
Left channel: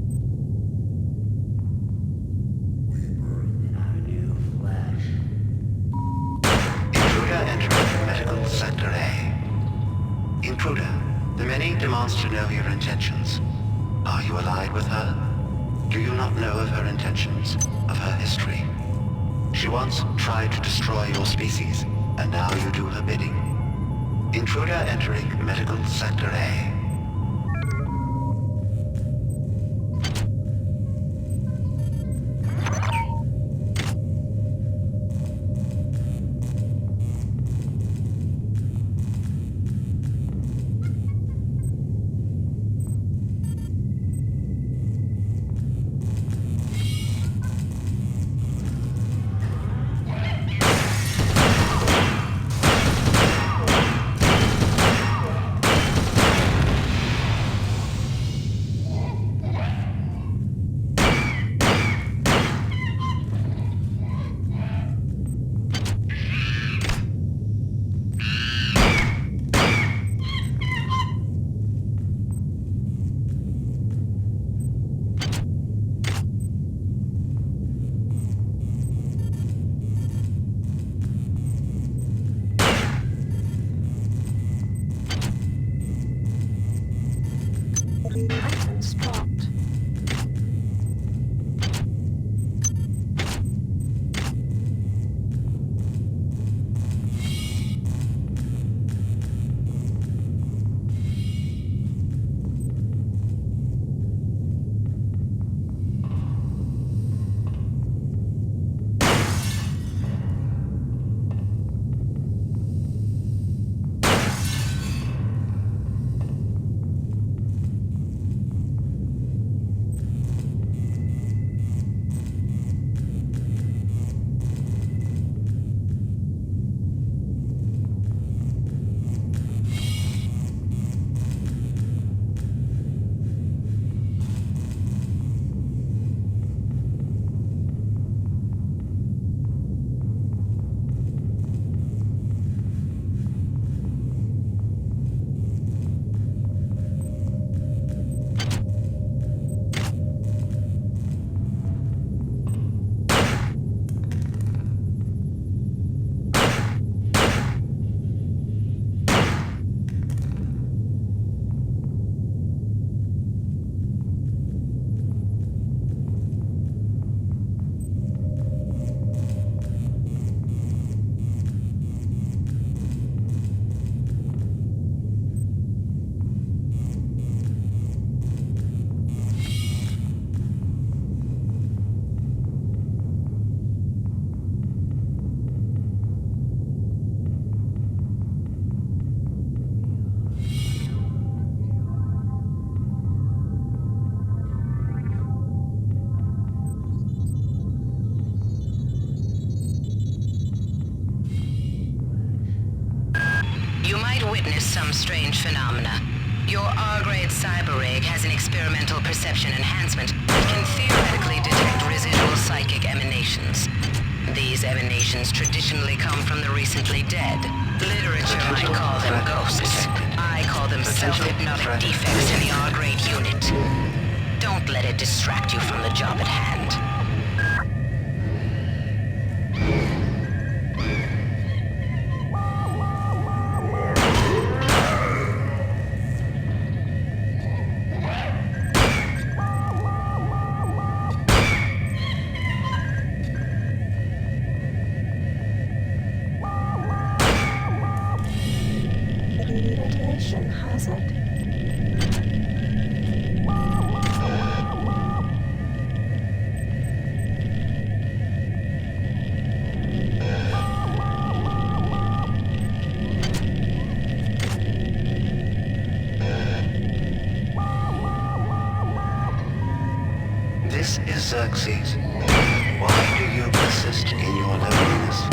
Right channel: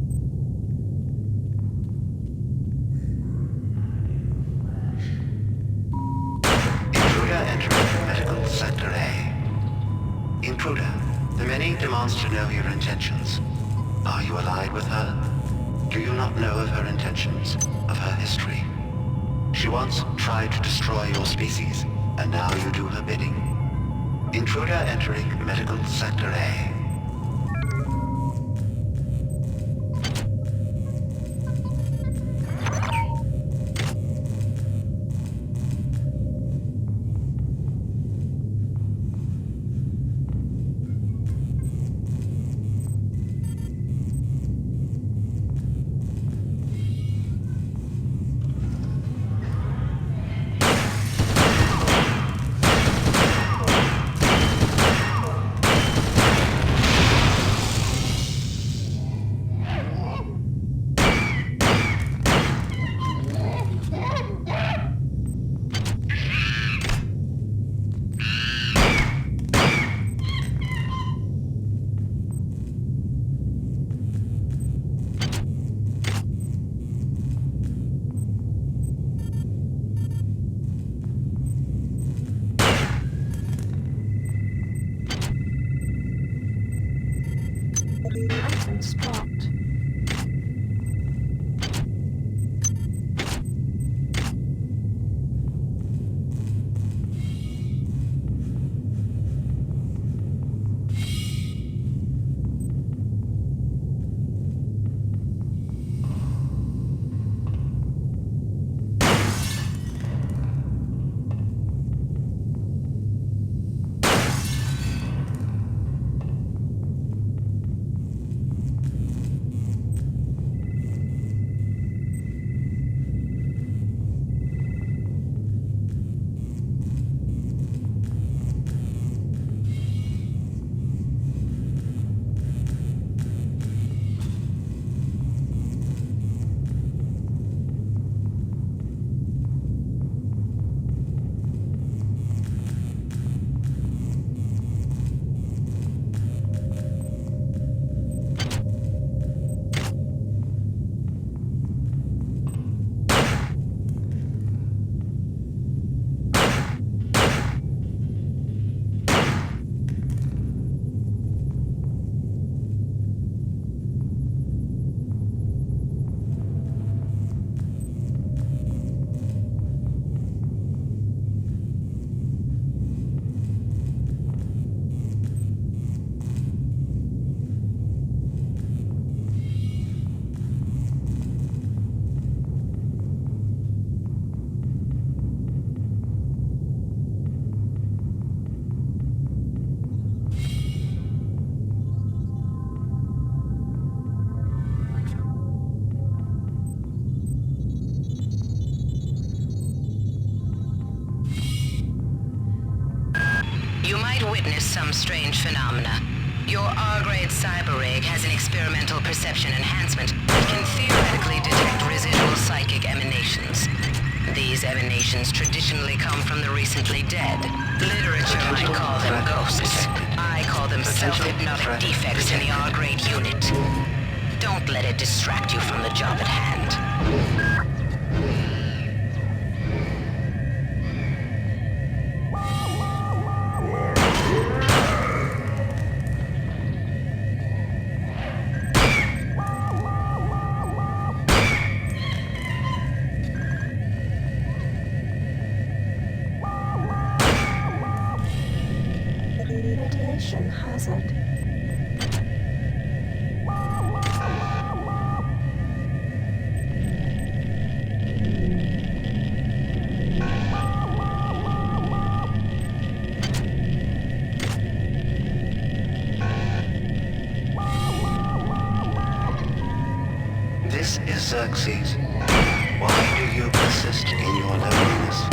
Intruder entering medical sector A. Intruder, the many demands to know your intentions. Are you allied with her? Do you not know of her intentions, of her history? She once tried to destroy your species, and now you do her bidding. Intruder entering medical sector A. Items dropped. You might witness some strange phenomena. Your R-grade cyber rig has an experimental perception enhancement that can theoretically detect residual psychic emanations. These emanations traditionally come from the recently dead. Literature might call them ghosts. I call them self-hypnotic defects in the R-grade unit. Don't let it distract you from the job at hand. Radiation hazard. This is Xerxes. Why do you persist in your loneliness?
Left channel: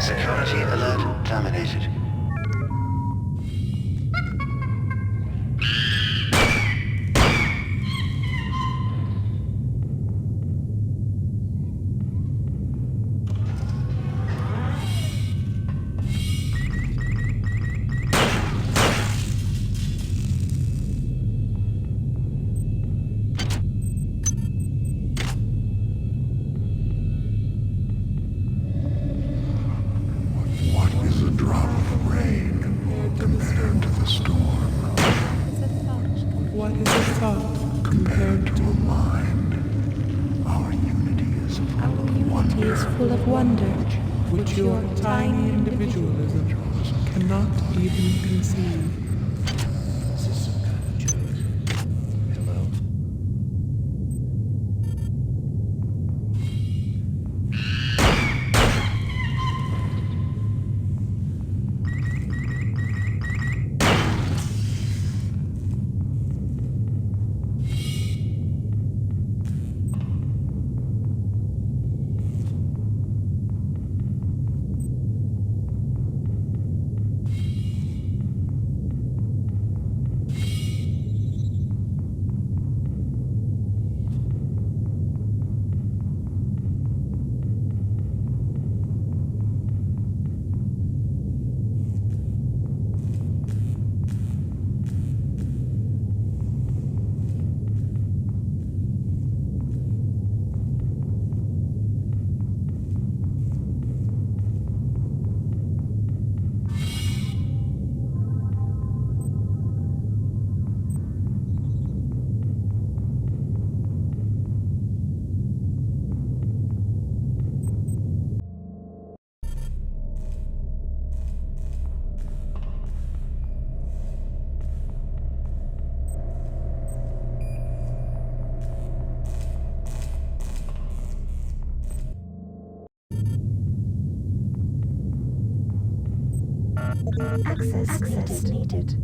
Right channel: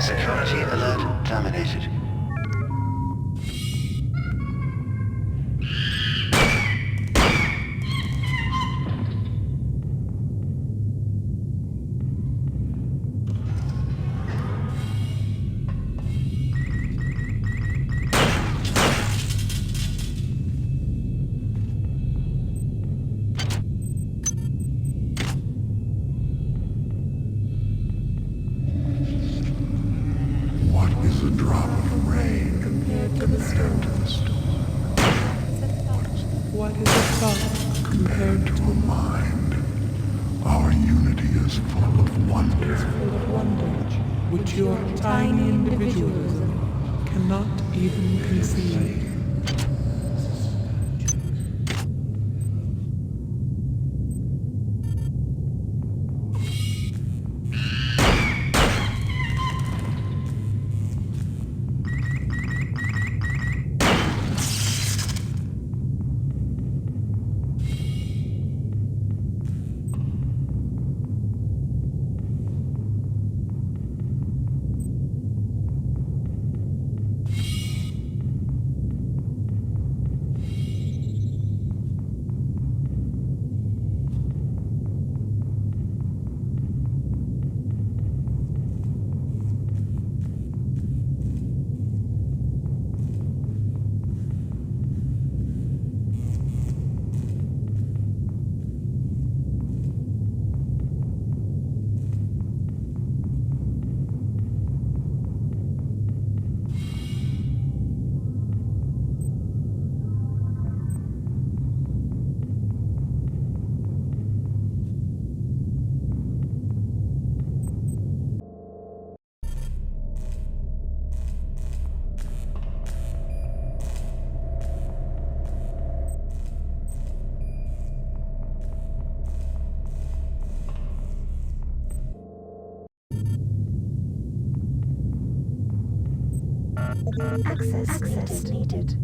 Security alert terminated. What is a drop of rain compared to the storm? What is a thought compared to a mind? Our unity is full of wonder, which your tiny individualism cannot even conceive. Access needed.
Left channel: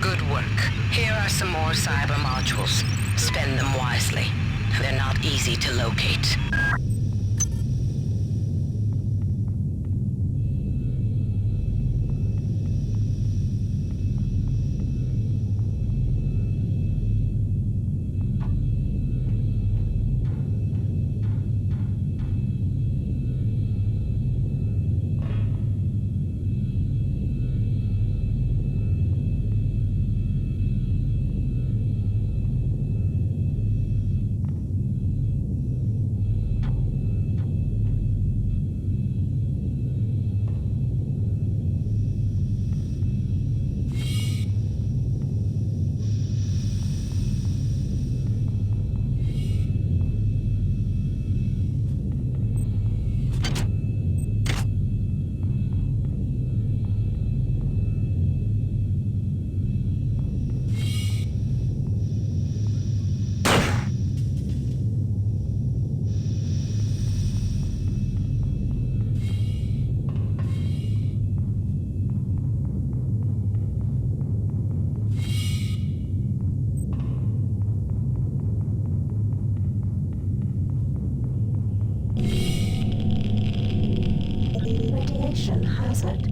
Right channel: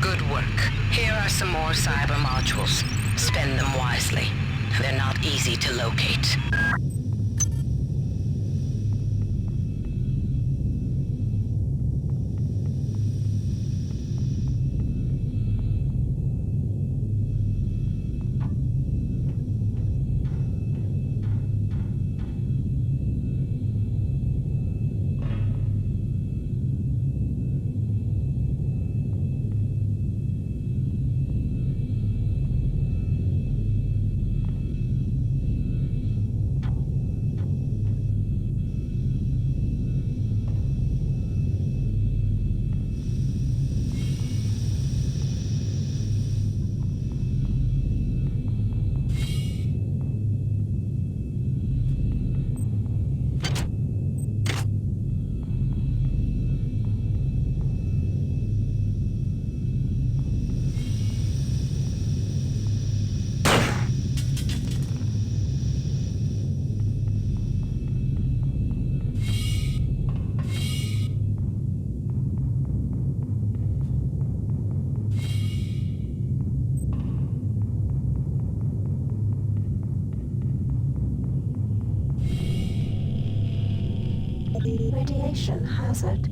Good work. Here are some more cyber modules. Spend them wisely. They're not easy to locate. Radiation hazard.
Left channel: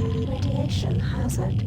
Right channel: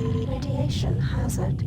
Radiation hazard.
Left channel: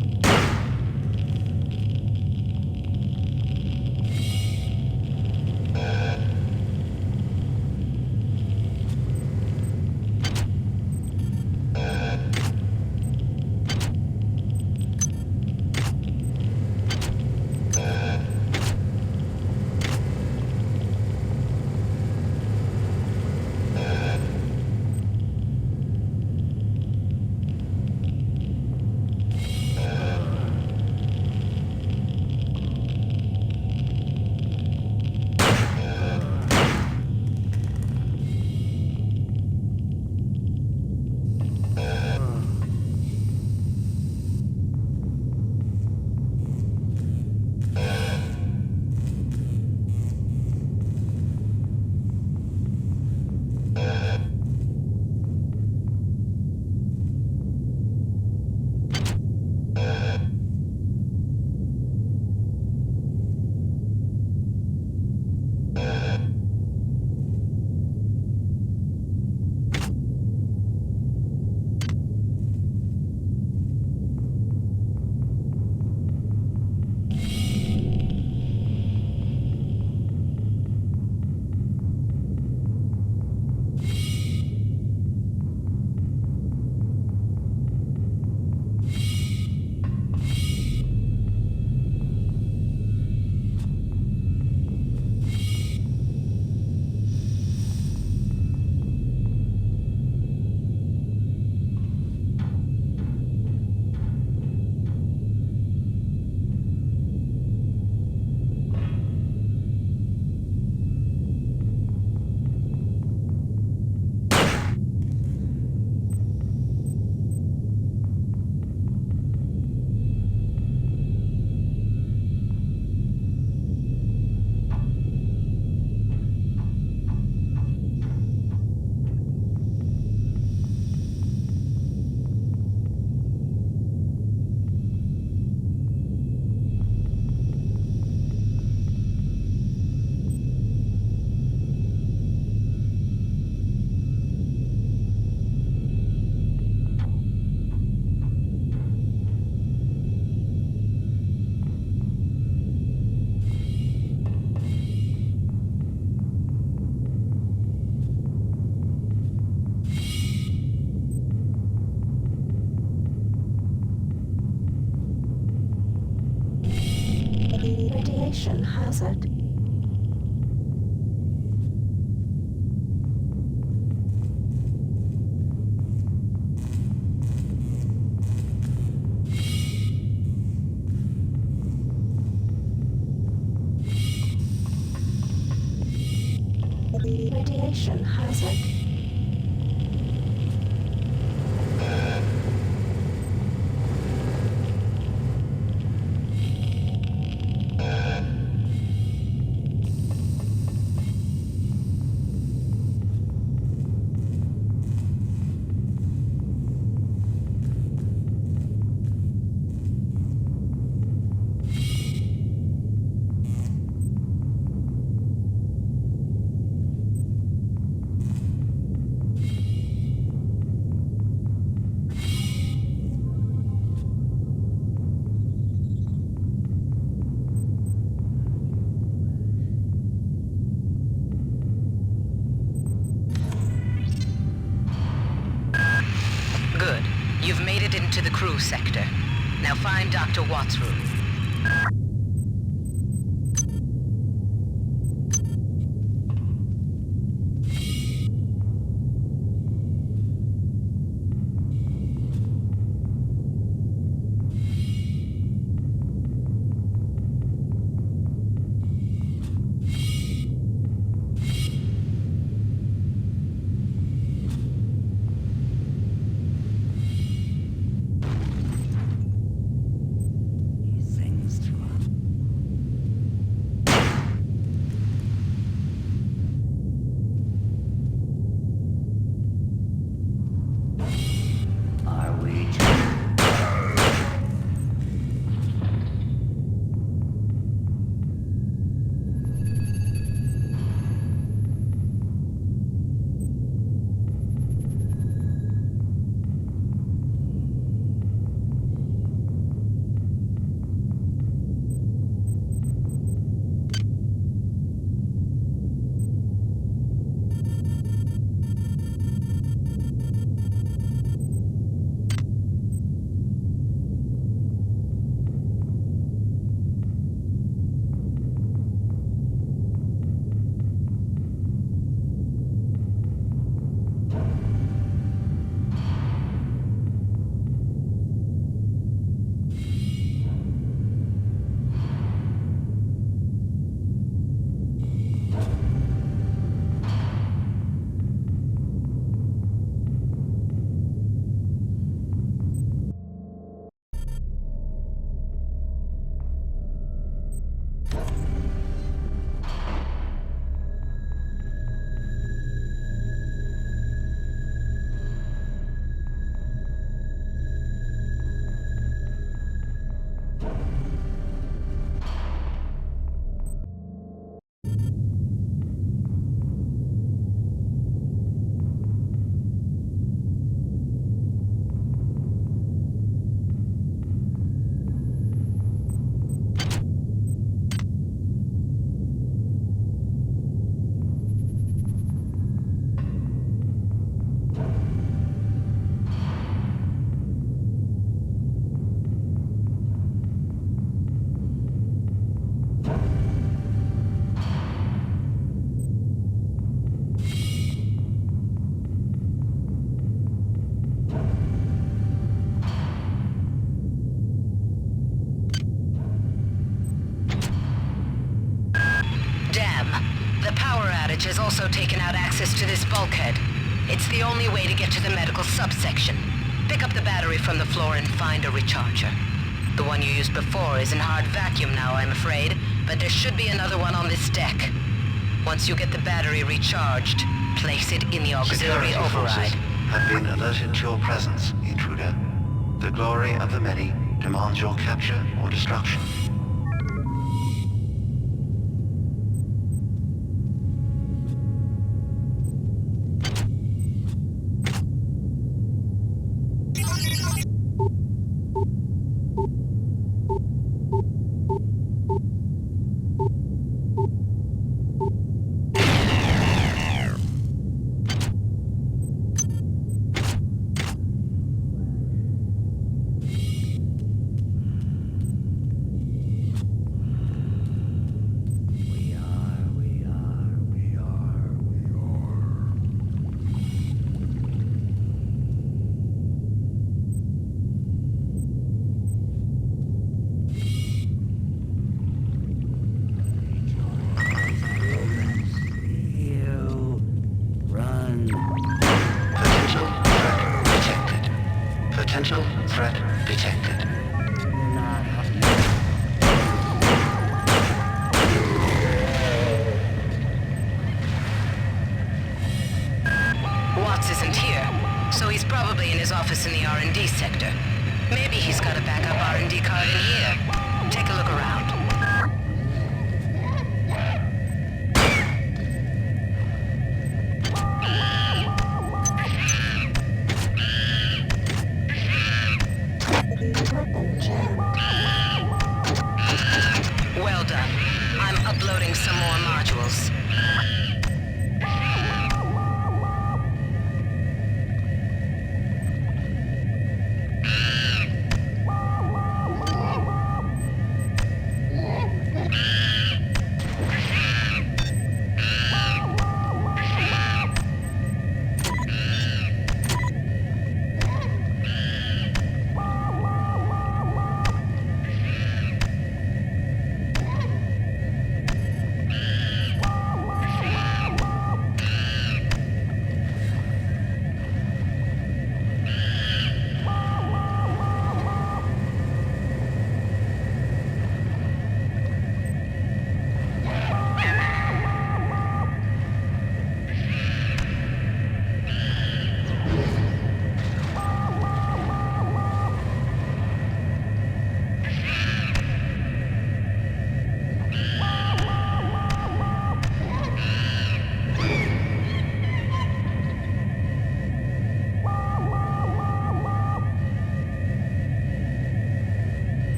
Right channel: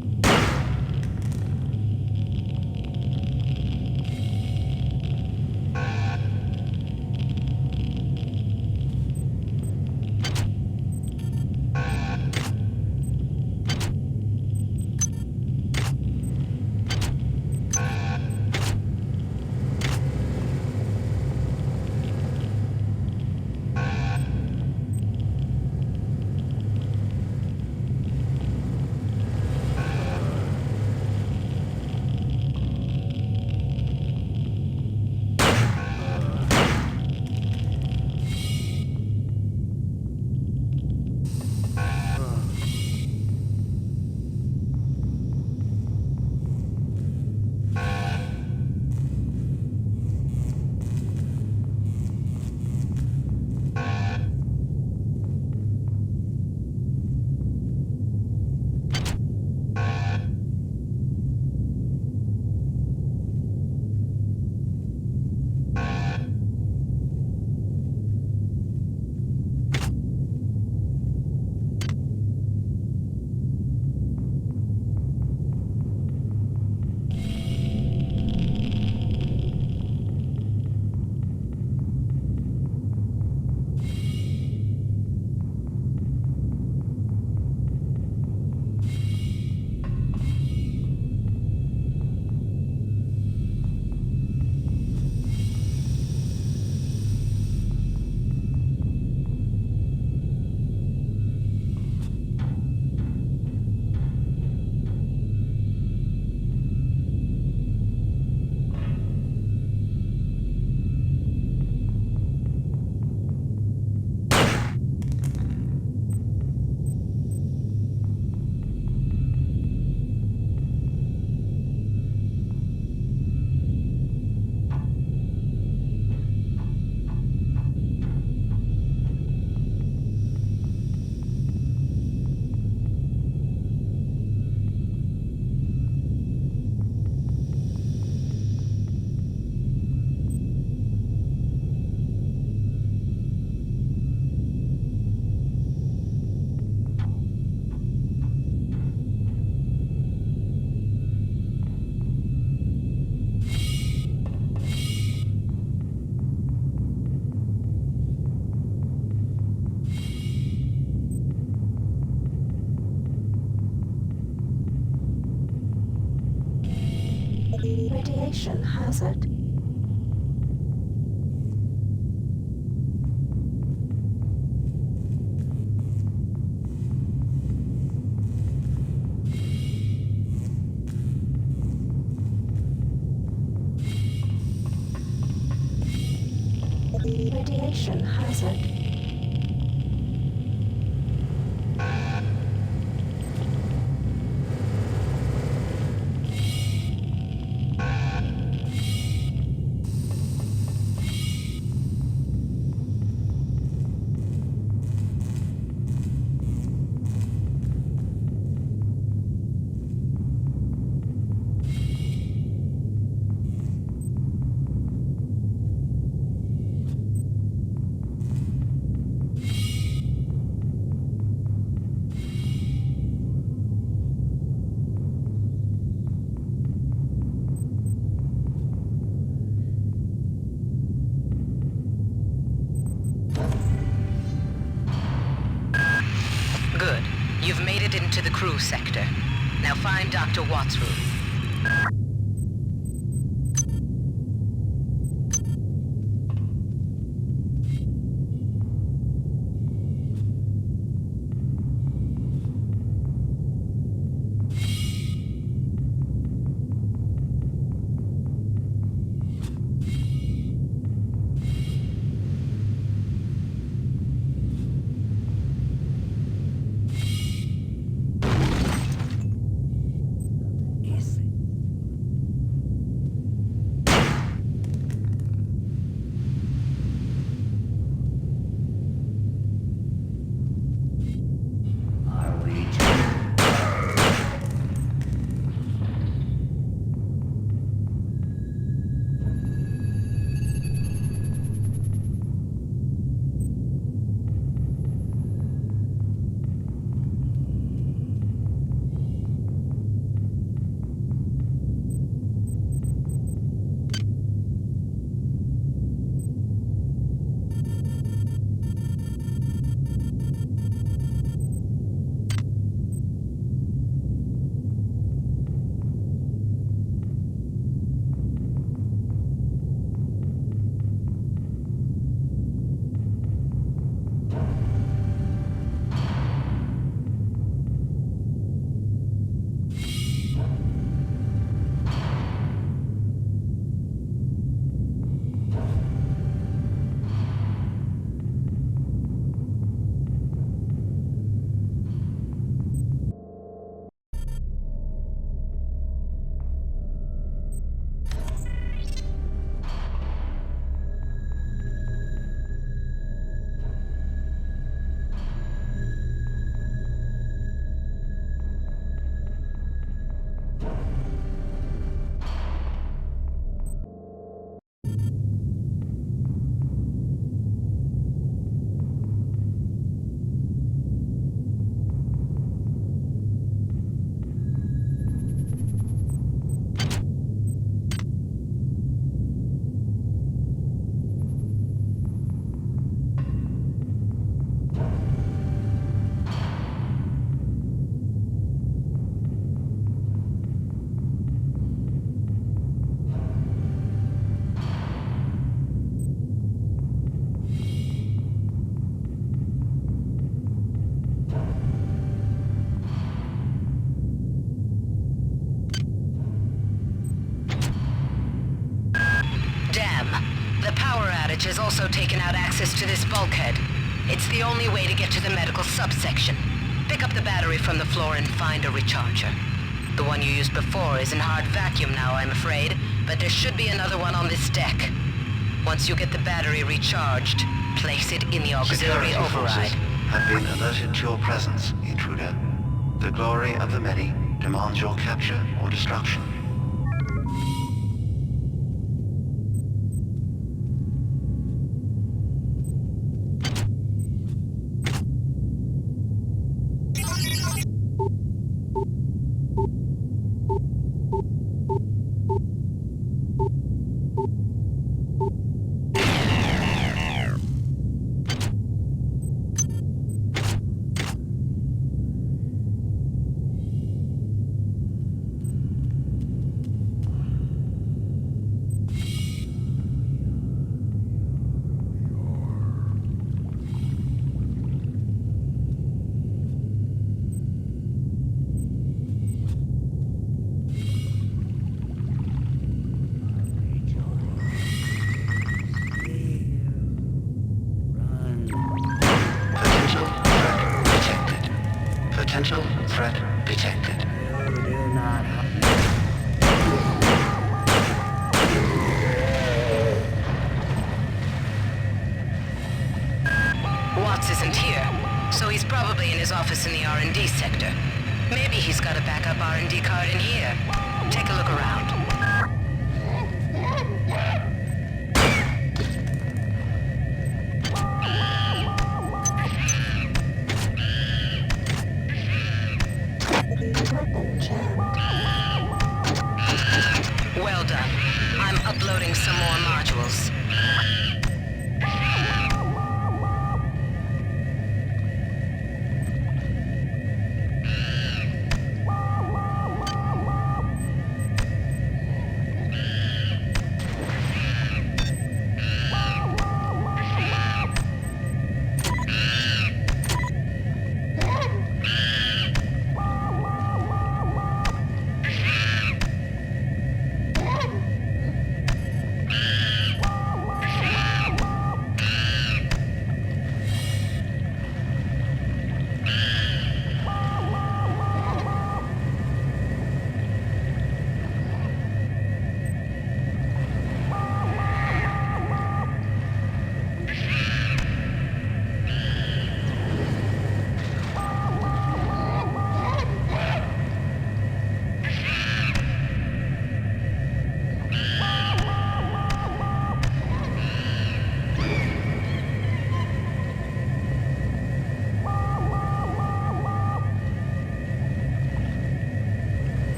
Radiation hazard. Radiation hazard. Good. You've made it into the crew sector. Now find Dr. Watt's room. Damn. The power outage has also taken out access to this bulkhead. It's the only way to get to the medical subsection. Pick up the battery from the floor and find a recharger. The one you used before is in hard vacuum now, I'm afraid, but there should be another one on this deck. Once you get the battery recharged, place it in the auxiliary Security override. forces have been alerted to your presence, intruder. The glory of the many demands your capture or destruction. Potential threat detected. Potential threat detected. Watts isn't here, so he's probably in his office in the R&D sector. Maybe he's got a backup R&D card in here. Take a look around. Well done. I'm uploading some more modules.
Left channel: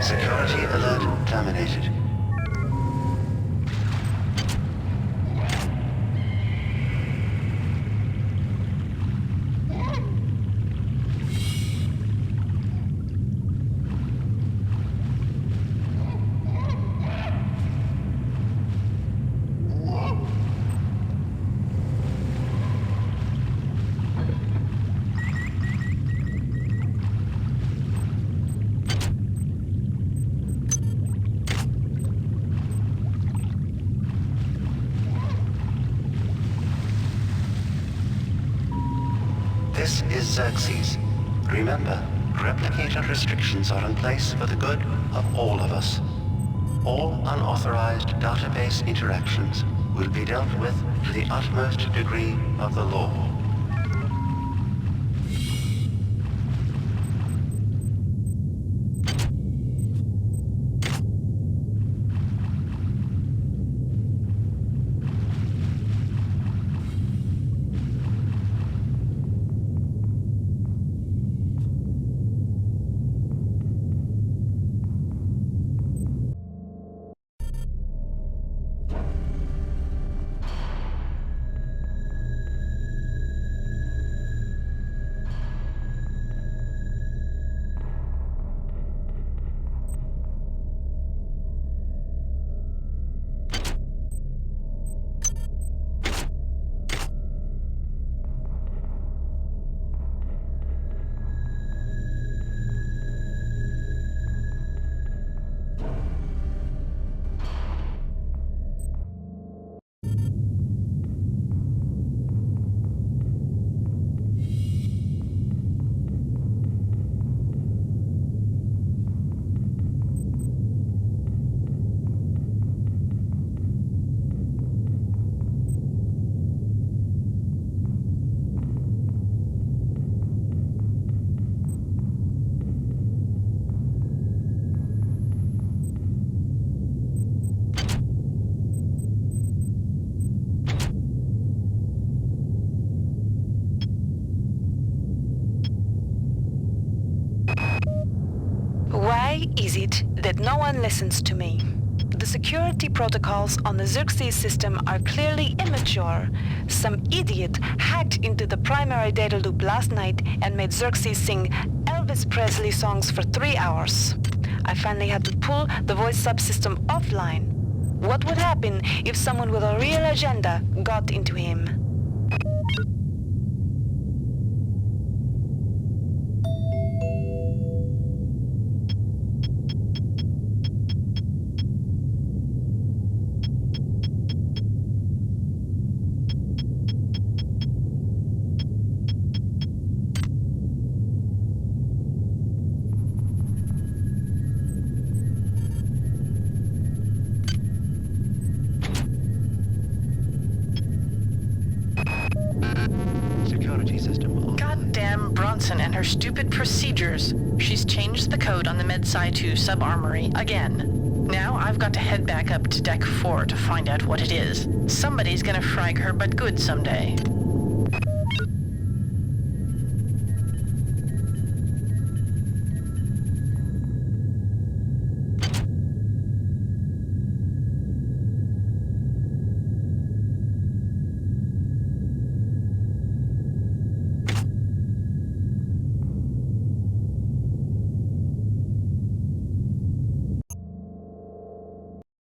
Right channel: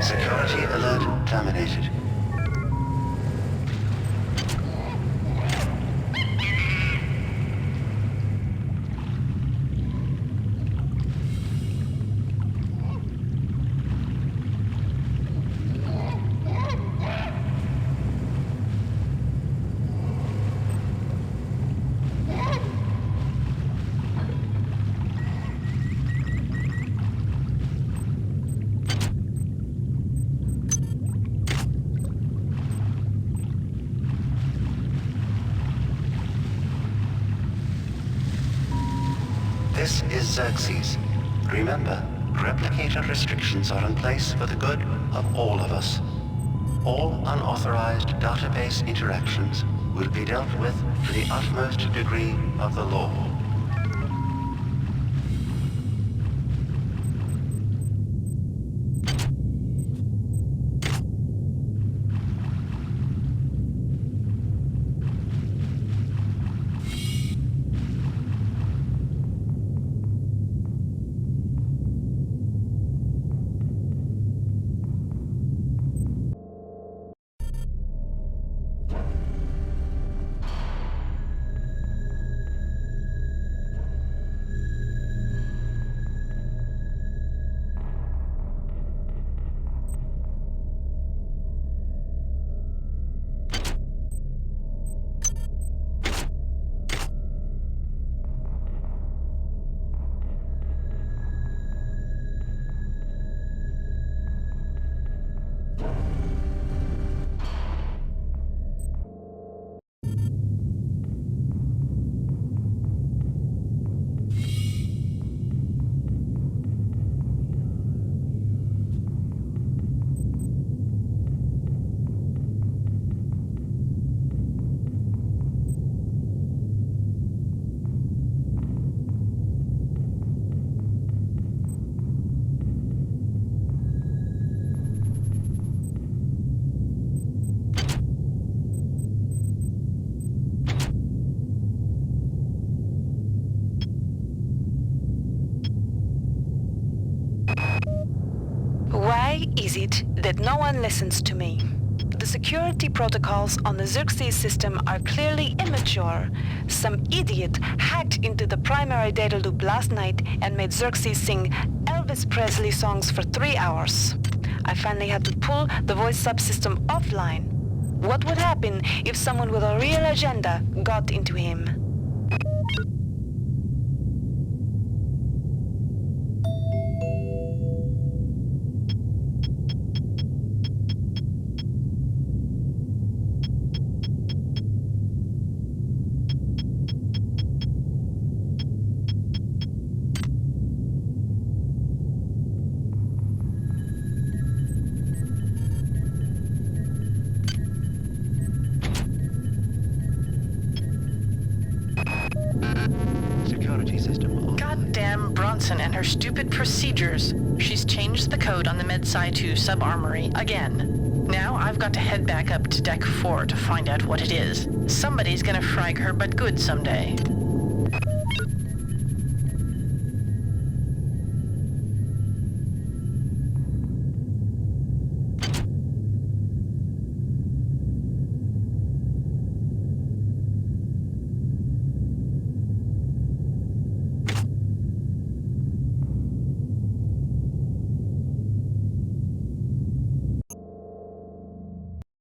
Security alert terminated. This is Xerxes. Remember, replicator restrictions are in place for the good of all of us. All unauthorized database interactions will be dealt with to the utmost degree of the law. Why is it that no one listens to me? The security protocols on the Xerxes system are clearly immature. Some idiot hacked into the primary data loop last night and made Xerxes sing Elvis Presley songs for 3 hours. I finally had to pull the voice subsystem offline. What would happen if someone with a real agenda got into him? Goddamn Bronson and her stupid procedures. She's changed the code on the MedSci 2 sub-armory again. Now I've got to head back up to Deck 4 to find out what it is. Somebody's gonna frag her but good someday.